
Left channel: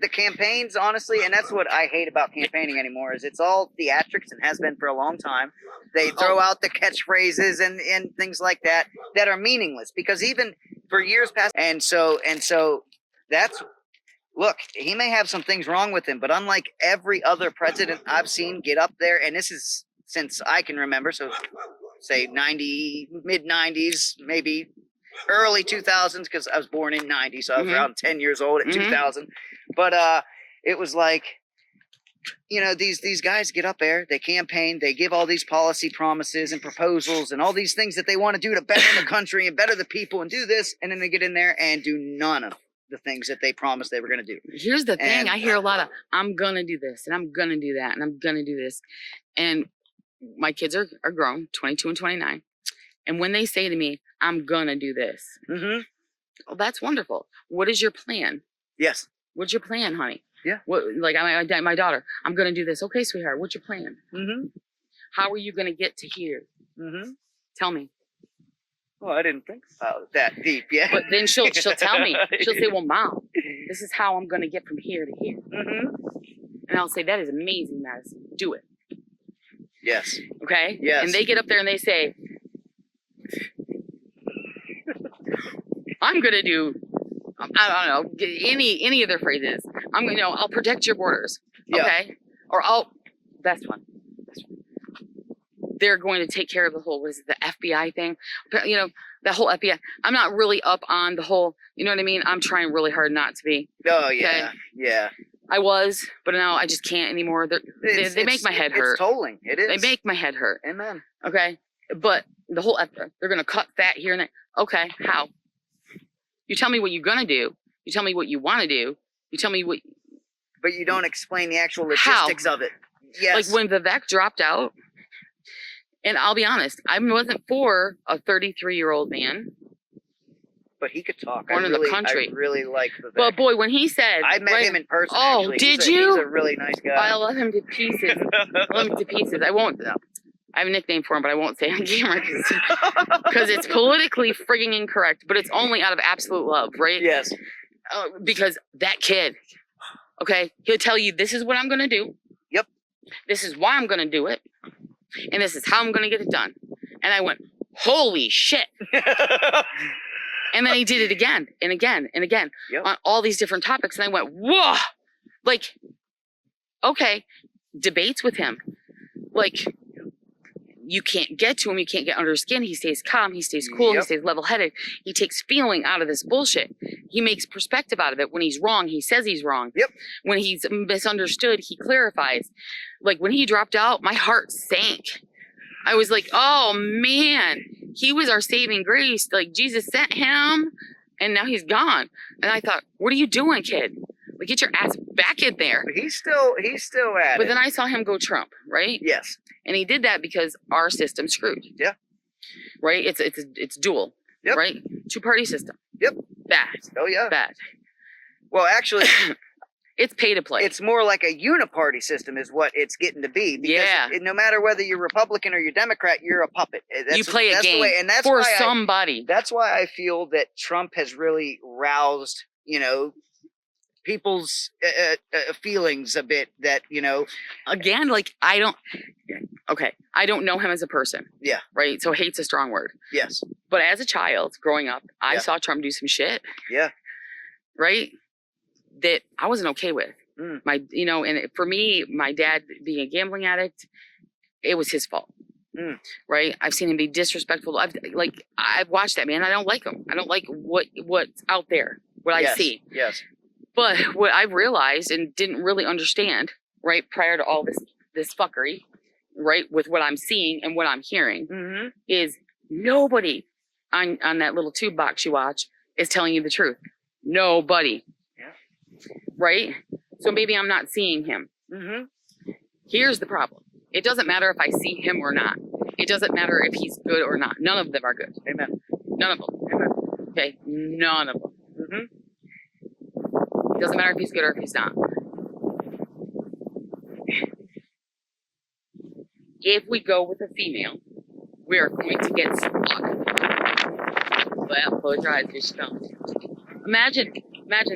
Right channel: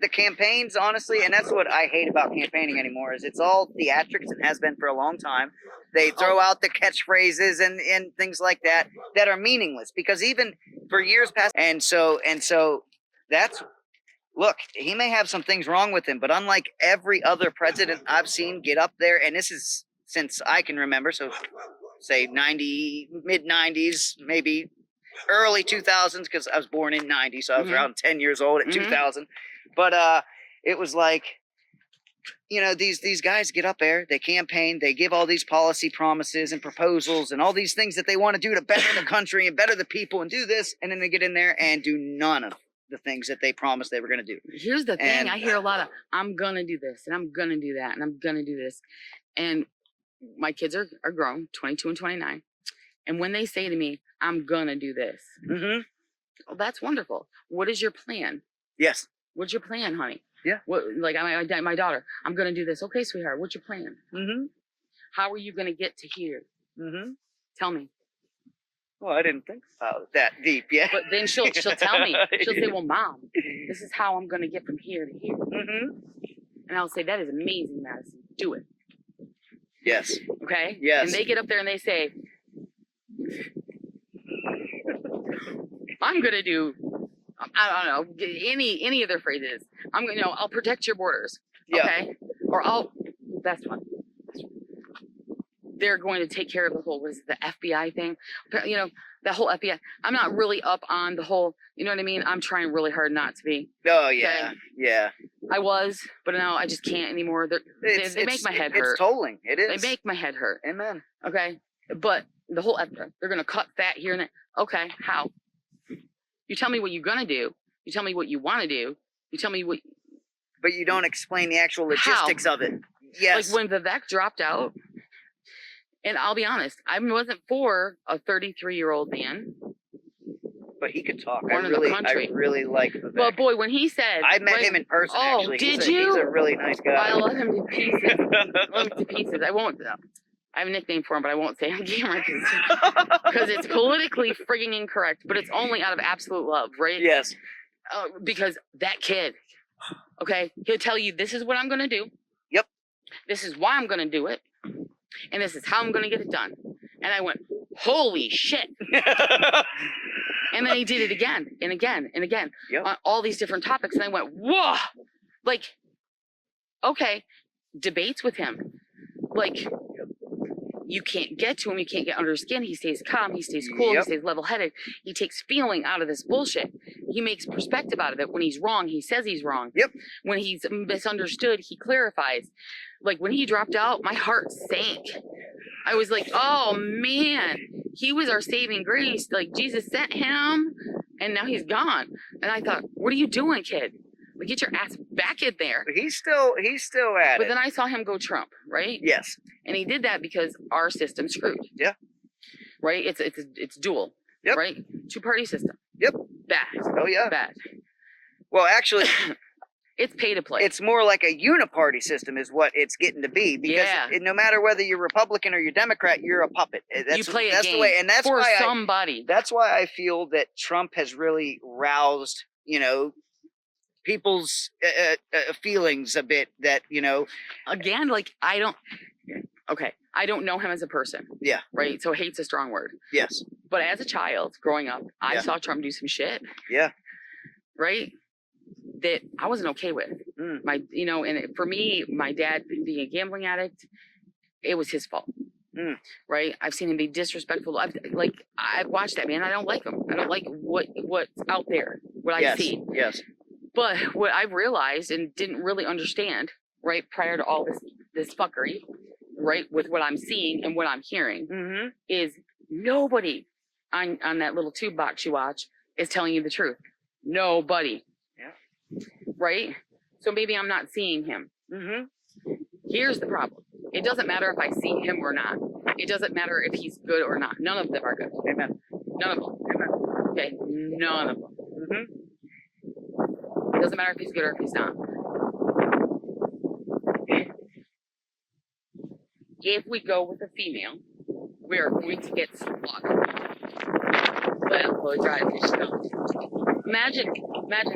The campaigns, honestly, and that's what I hate about campaigning anymore, is it's all theatrics and has been for a long time. They throw out the catchphrases and things like that are meaningless, because even for years past, and so that's, look, he may have some things wrong with him, but unlike every other president I've seen get up there, and this is since I can remember, so say mid 90s, maybe early 2000s, because I was born in 90, so I was around 10 years old at 2000. But it was like, you know, these guys get up there, they campaign, they give all these policy promises and proposals and all these things that they want to do to better the country and better the people and do this, and then they get in there and do none of the things that they promised they were going to do. Here's the thing. I hear a lot of, I'm going to do this and I'm going to do that and I'm going to do this. And my kids are grown, 22 and 29. And when they say to me, I'm going to do this, well, that's wonderful. What is your plan? Yes. What's your plan, honey? Yeah. What, like my daughter, I'm going to do this. Okay, sweetheart, what's your plan? How are you going to get to here? Tell me. Well, I didn't think about it that deep yet. But then she'll tell me. She'll say, well, Mom, this is how I'm going to get from here to here. And I'll say, that is amazing, Madison. Do it. Yes. Okay? Yes. And they get up there and they say, I'm going to do, I don't know, any of their phrases. I'll protect your borders. Okay? Or that's one. They're going to take care of the whole, the FBI thing? You know, the whole FBI. I'm not really up on the whole, you know what I mean? I'm trying really hard not to be. Oh, yeah. Okay? Yeah. I was, but now I just can't anymore. They make my head hurt. It's tolling. It is. They make my head hurt. Amen. Okay? But the whole, they're going to cut that here and there. Okay, how? You tell me what you're going to do. You tell me what you want to do. You tell me what... But you don't explain the actual logistics of it. Yes. Like when Vivek dropped out, and I'll be honest, I wasn't for a 33-year-old man. But he could talk. I really like Vivek. Well, boy, when he said... I met him in person, actually. Did you? He's a really nice guy. I love him to pieces. I love him to pieces. I have a nickname for him, but I won't say it on camera because it's politically frigging incorrect, but it's only out of absolute love, right? Yes. Because that kid, okay, he'll tell you, this is what I'm going to do. Yep. This is why I'm going to do it. And this is how I'm going to get it done. And I went, holy shit. And then he did it again and again and again on all these different topics. And I went, whoa, like, okay, debates with him. Like, you can't get to him. You can't get under his skin. He stays calm. He stays cool. He stays level-headed. He takes feeling out of this bullshit. He makes perspective out of it. When he's wrong, he says he's wrong. Yep. When he's misunderstood, he clarifies. Like, when he dropped out, my heart sank. I was like, oh, man. He was our saving grace. Like, Jesus sent him, and now he's gone. And I thought, what are you doing, kid? Like, get your ass back in there. But he's still at it. But then I saw him go Trump, right? Yes. And he did that because our system's screwed. Yeah. Right? It's dual. Yep. Right? Two-party system. Yep. Bad. Oh, yeah. Bad. Well, actually... It's pay to play. It's more like a uniparty system is what it's getting to be. Because no matter whether you're Republican or you're Democrat, you're a puppet. You play a game the way, and that's for why somebody. That's why I feel that Trump has really roused, people's feelings a bit that, Again, like, I don't know him as a person. Yeah. Right? So hate's a strong word. Yes. But as a child growing up, I saw Trump do some shit. Yeah. right? That I wasn't okay with. Mm. And for me, my dad being a gambling addict, it was his fault. Mm. Right? I've seen him be disrespectful. I've watched that man. I don't like him. I don't like what's out there, what I see. Yes. But what I've realized and didn't really understand, right, prior to all this fuckery, right, with what I'm seeing and what I'm hearing, Mm-hmm. is nobody on that little tube box you watch is telling you the truth. Nobody. Yeah. Right? So maybe I'm not seeing him. Mm-hmm. Here's the problem. It doesn't matter if I see him or not. It doesn't matter if he's good or not. None of them are good. Amen. None of them. Amen. Okay? None of them. Mm-hmm. It doesn't matter if he's good or if he's not. If we go with a female, we are going to get stuck. Well, blow dry fish don't. Imagine that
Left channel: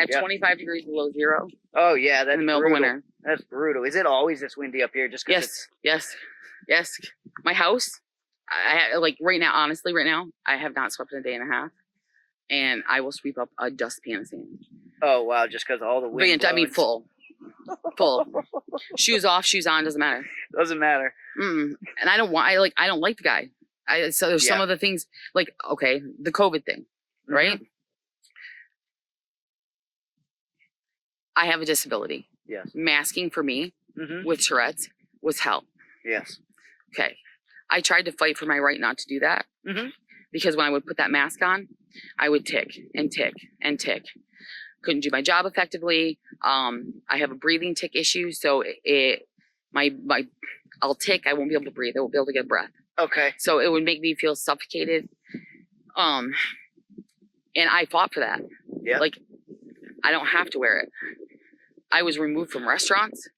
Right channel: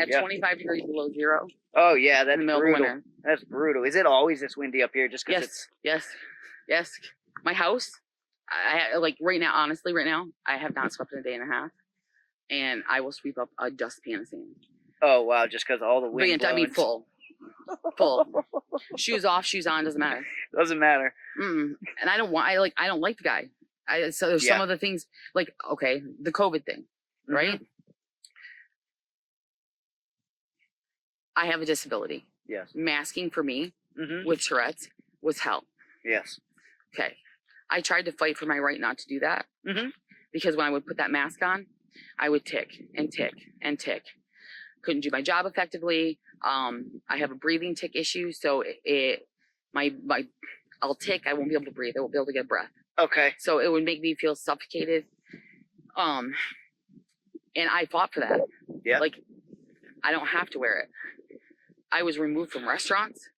at 25 degrees below zero. Oh yeah, that's in the middle brutal. of winter. That's brutal. Is it always this windy up here? Just because Yes. My house, right now, honestly, I have not swept in a day and a half, and I will sweep up a dustpan of sand. Oh wow, just because all the wind. I mean, full. Shoes off, shoes on, doesn't matter. Doesn't matter. And I don't like the guy. So there's some of the things the COVID thing, right? Mm-hmm. I have a disability. Yes. Masking for me with Tourette's was hell. Yes. Okay. I tried to fight for my right not to do that because when I would put that mask on, I would tick and tick and tick. Couldn't do my job effectively. I have a breathing tick issue, so I'll tick. I won't be able to breathe. I won't be able to get a breath. Okay. So it would make me feel suffocated. And I fought for that. Yeah. Like, I don't have to wear it. I was removed from restaurants.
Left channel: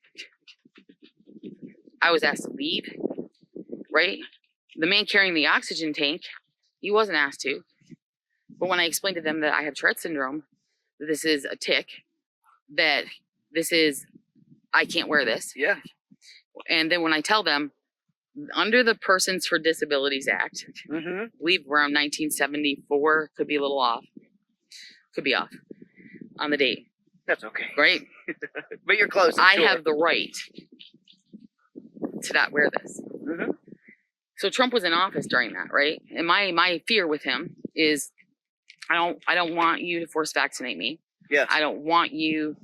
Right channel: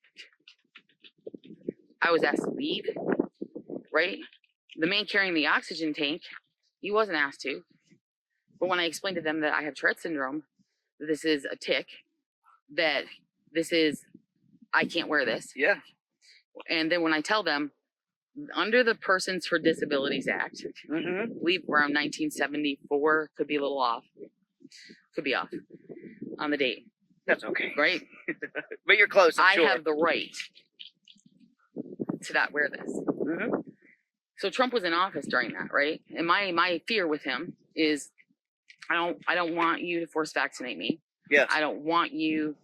I was asked to leave, right? The man carrying the oxygen tank, he wasn't asked to. But when I explained to them that I have Tourette syndrome, that this is a tick, that I can't wear this. Yeah. And then when I tell them, under the Persons for Disabilities Act, I believe around 1974, could be a little off. Could be off on the date. That's okay. Right? But you're close. I have the right to not wear this. So Trump was in office during that, right? And my fear with him is I don't want you to force vaccinate me. Yes. I don't want you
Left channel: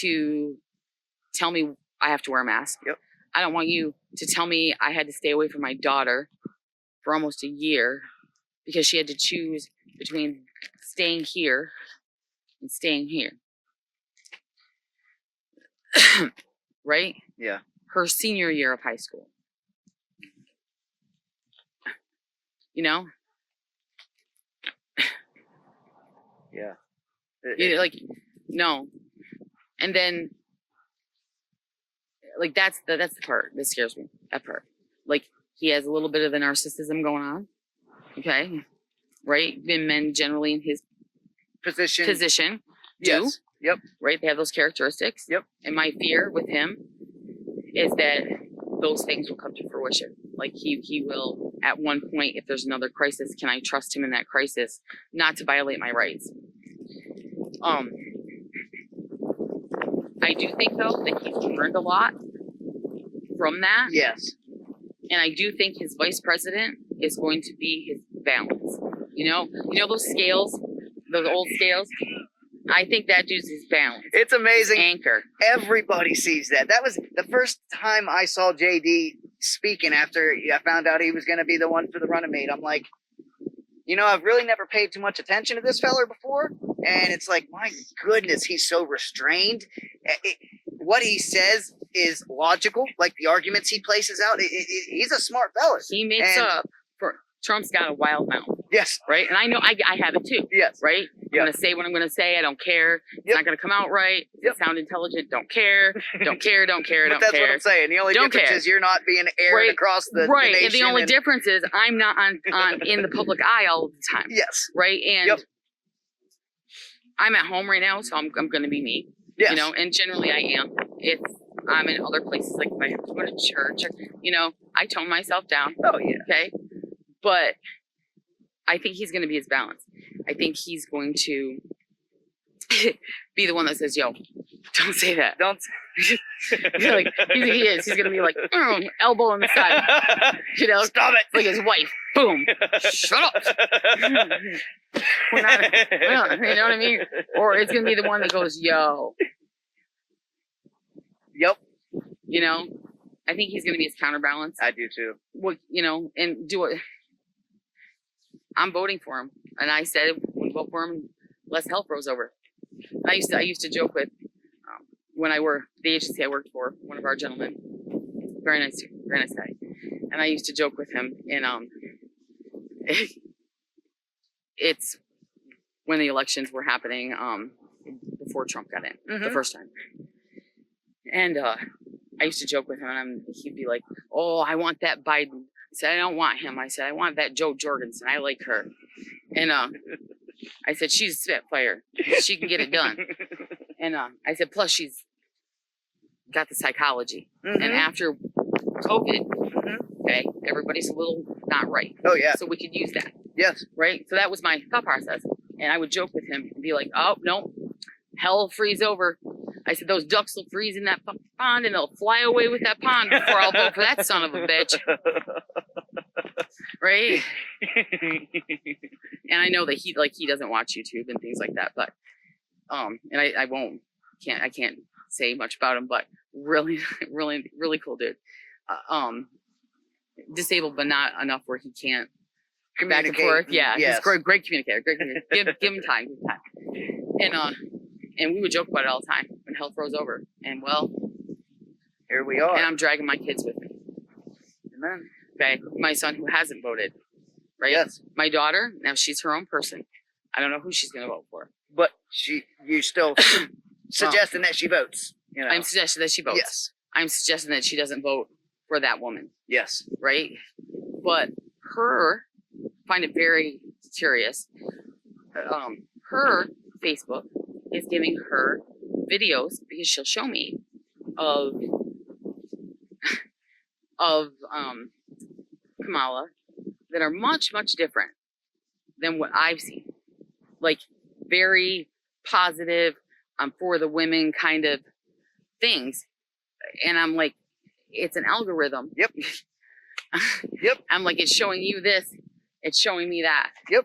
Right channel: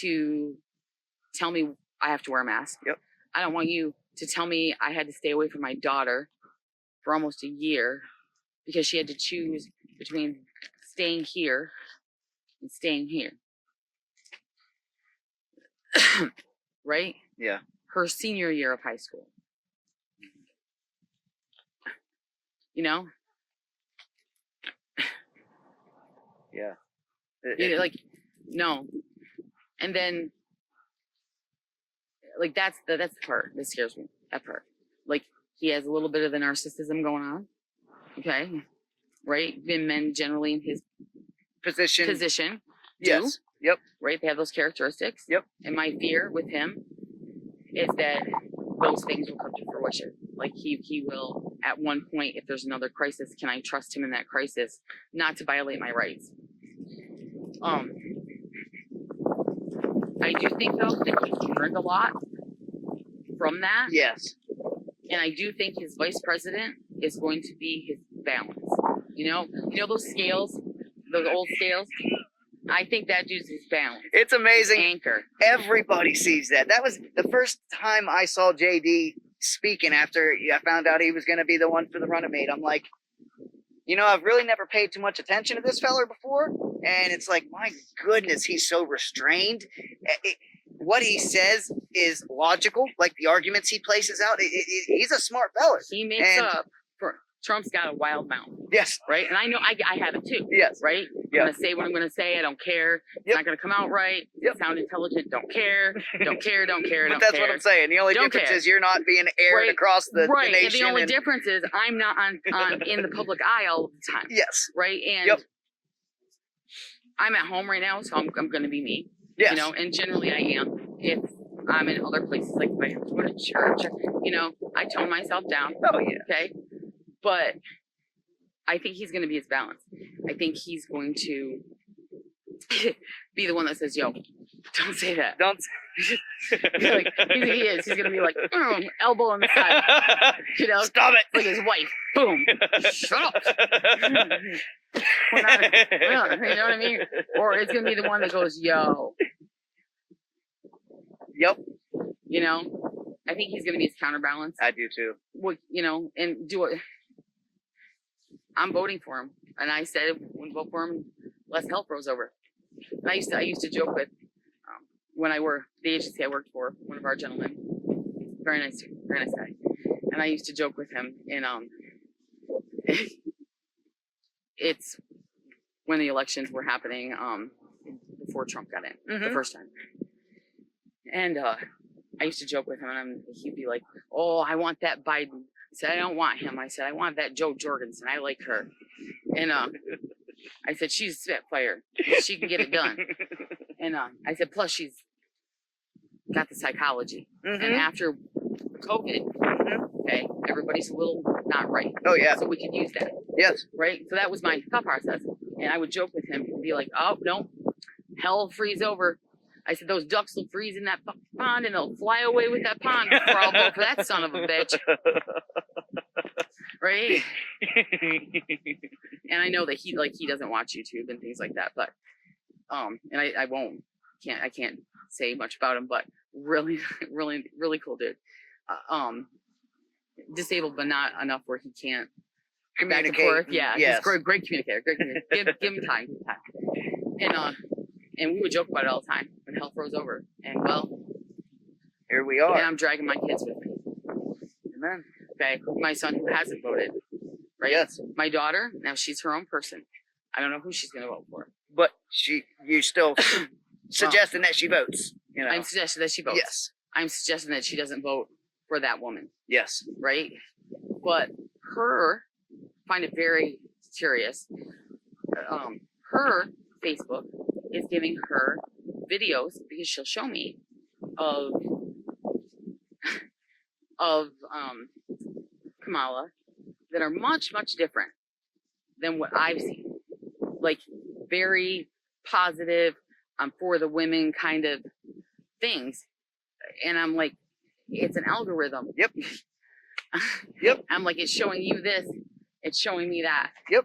to tell me I have to wear a mask. Yep. I don't want you to tell me I had to stay away from my daughter for almost a year because she had to choose between staying here and staying here. Right? Yeah. Her senior year of high school. You know? Yeah. No. And then that's the part that scares me. That part. He has a little bit of the narcissism going on. Okay. Right? Men generally in his position do. Yes. Yep. Right? They have those characteristics. Yep. And my fear with him is that those things will come to fruition. He will, at one point, if there's another crisis, can I trust him in that crisis not to violate my rights? I do think, though, that he's learned a lot from that. Yes. And I do think his vice president is going to be his balance. You know those scales, those old scales? I think that dude's his balance. It's amazing. Anchor. Everybody sees that. That was the first time I saw JD speaking after I found out he was going to be the one for the Runnymede. I'm like, I've really never paid too much attention to this feller before. And it's like, my goodness, he's so restrained. What he says is logical. Like the arguments he places out, he's a smart fella. He makes up for Trump's got a wild mouth. Yes. Right? And I know I have it too. Yes. Right? I'm going to say what I'm going to say. I don't care. It's not going to come out right. Sound intelligent. Don't care. Don't care. But that's what I'm saying. The only difference is you're not being aired across the nation. And the only difference is I'm not on in the public eye all the time. Yes. Right? And I'm at home right now, so I'm going to be me. Yes. And generally I am. If I'm in other places, like if I have to go to church, I tone myself down. Oh, yeah. Okay? But I think he's going to be his balance. I think he's going to be the one that says, "Yo, don't say that." Don't. Like he is. He's gonna be like elbow in the side. You know, Stop it. like his wife. Boom. Shut up. We're not, you know what I mean? Or it's gonna be the one that goes, "Yo." Yep. You know, I think he's gonna be his counterbalance. I do too. Well, you know, and do it. I'm voting for him, and I said, "When we vote for him, less hell froze over." I used to joke with when I worked the agency I worked for, one of our gentlemen, very nice guy, and I used to joke with him, and it's when the elections were happening, before Trump got in the first time, and I used to joke with him, and he'd be like, "Oh, I want that Biden." I said, "I don't want him." I said, "I want that Joe Jorgensen. I like her," and I said, "She's a spitfire. She can get it done." And I said, "Plus she's got the psychology." And after COVID, okay, everybody's a little not right. Oh yeah. So we could use that. Yes. Right? So that was my thought process. And I would joke with him and be like, "Oh, no, hell will freeze over." I said, "Those ducks will freeze in that pond and they'll fly away with that pond before I'll vote for that son of a bitch." Right? And I know that he doesn't watch YouTube and things like that, but and I can't say much about him, but really cool dude. Disabled but not enough where he can't Communicate. back and forth. Yeah, Yes. he's great communicator. Give him time. And we would joke about it all the time when hell froze over. And well, Here we are. and I'm dragging my kids with me. Amen. Okay, my son who hasn't voted, right? Yes. My daughter, now she's her own person. I don't know who she's gonna vote for. But you still suggesting that she votes. You know. I'm suggesting that she votes. Yes. I'm suggesting that she doesn't vote for that woman, Yes. right? But find it very curious. Her Facebook is giving her videos because she'll show me of Kamala that are much different than what I've seen. Like very positive, for the women kind of things. And I'm like, it's an algorithm. Yep. Yep. I'm like, it's showing you this, it's showing me that. Yep.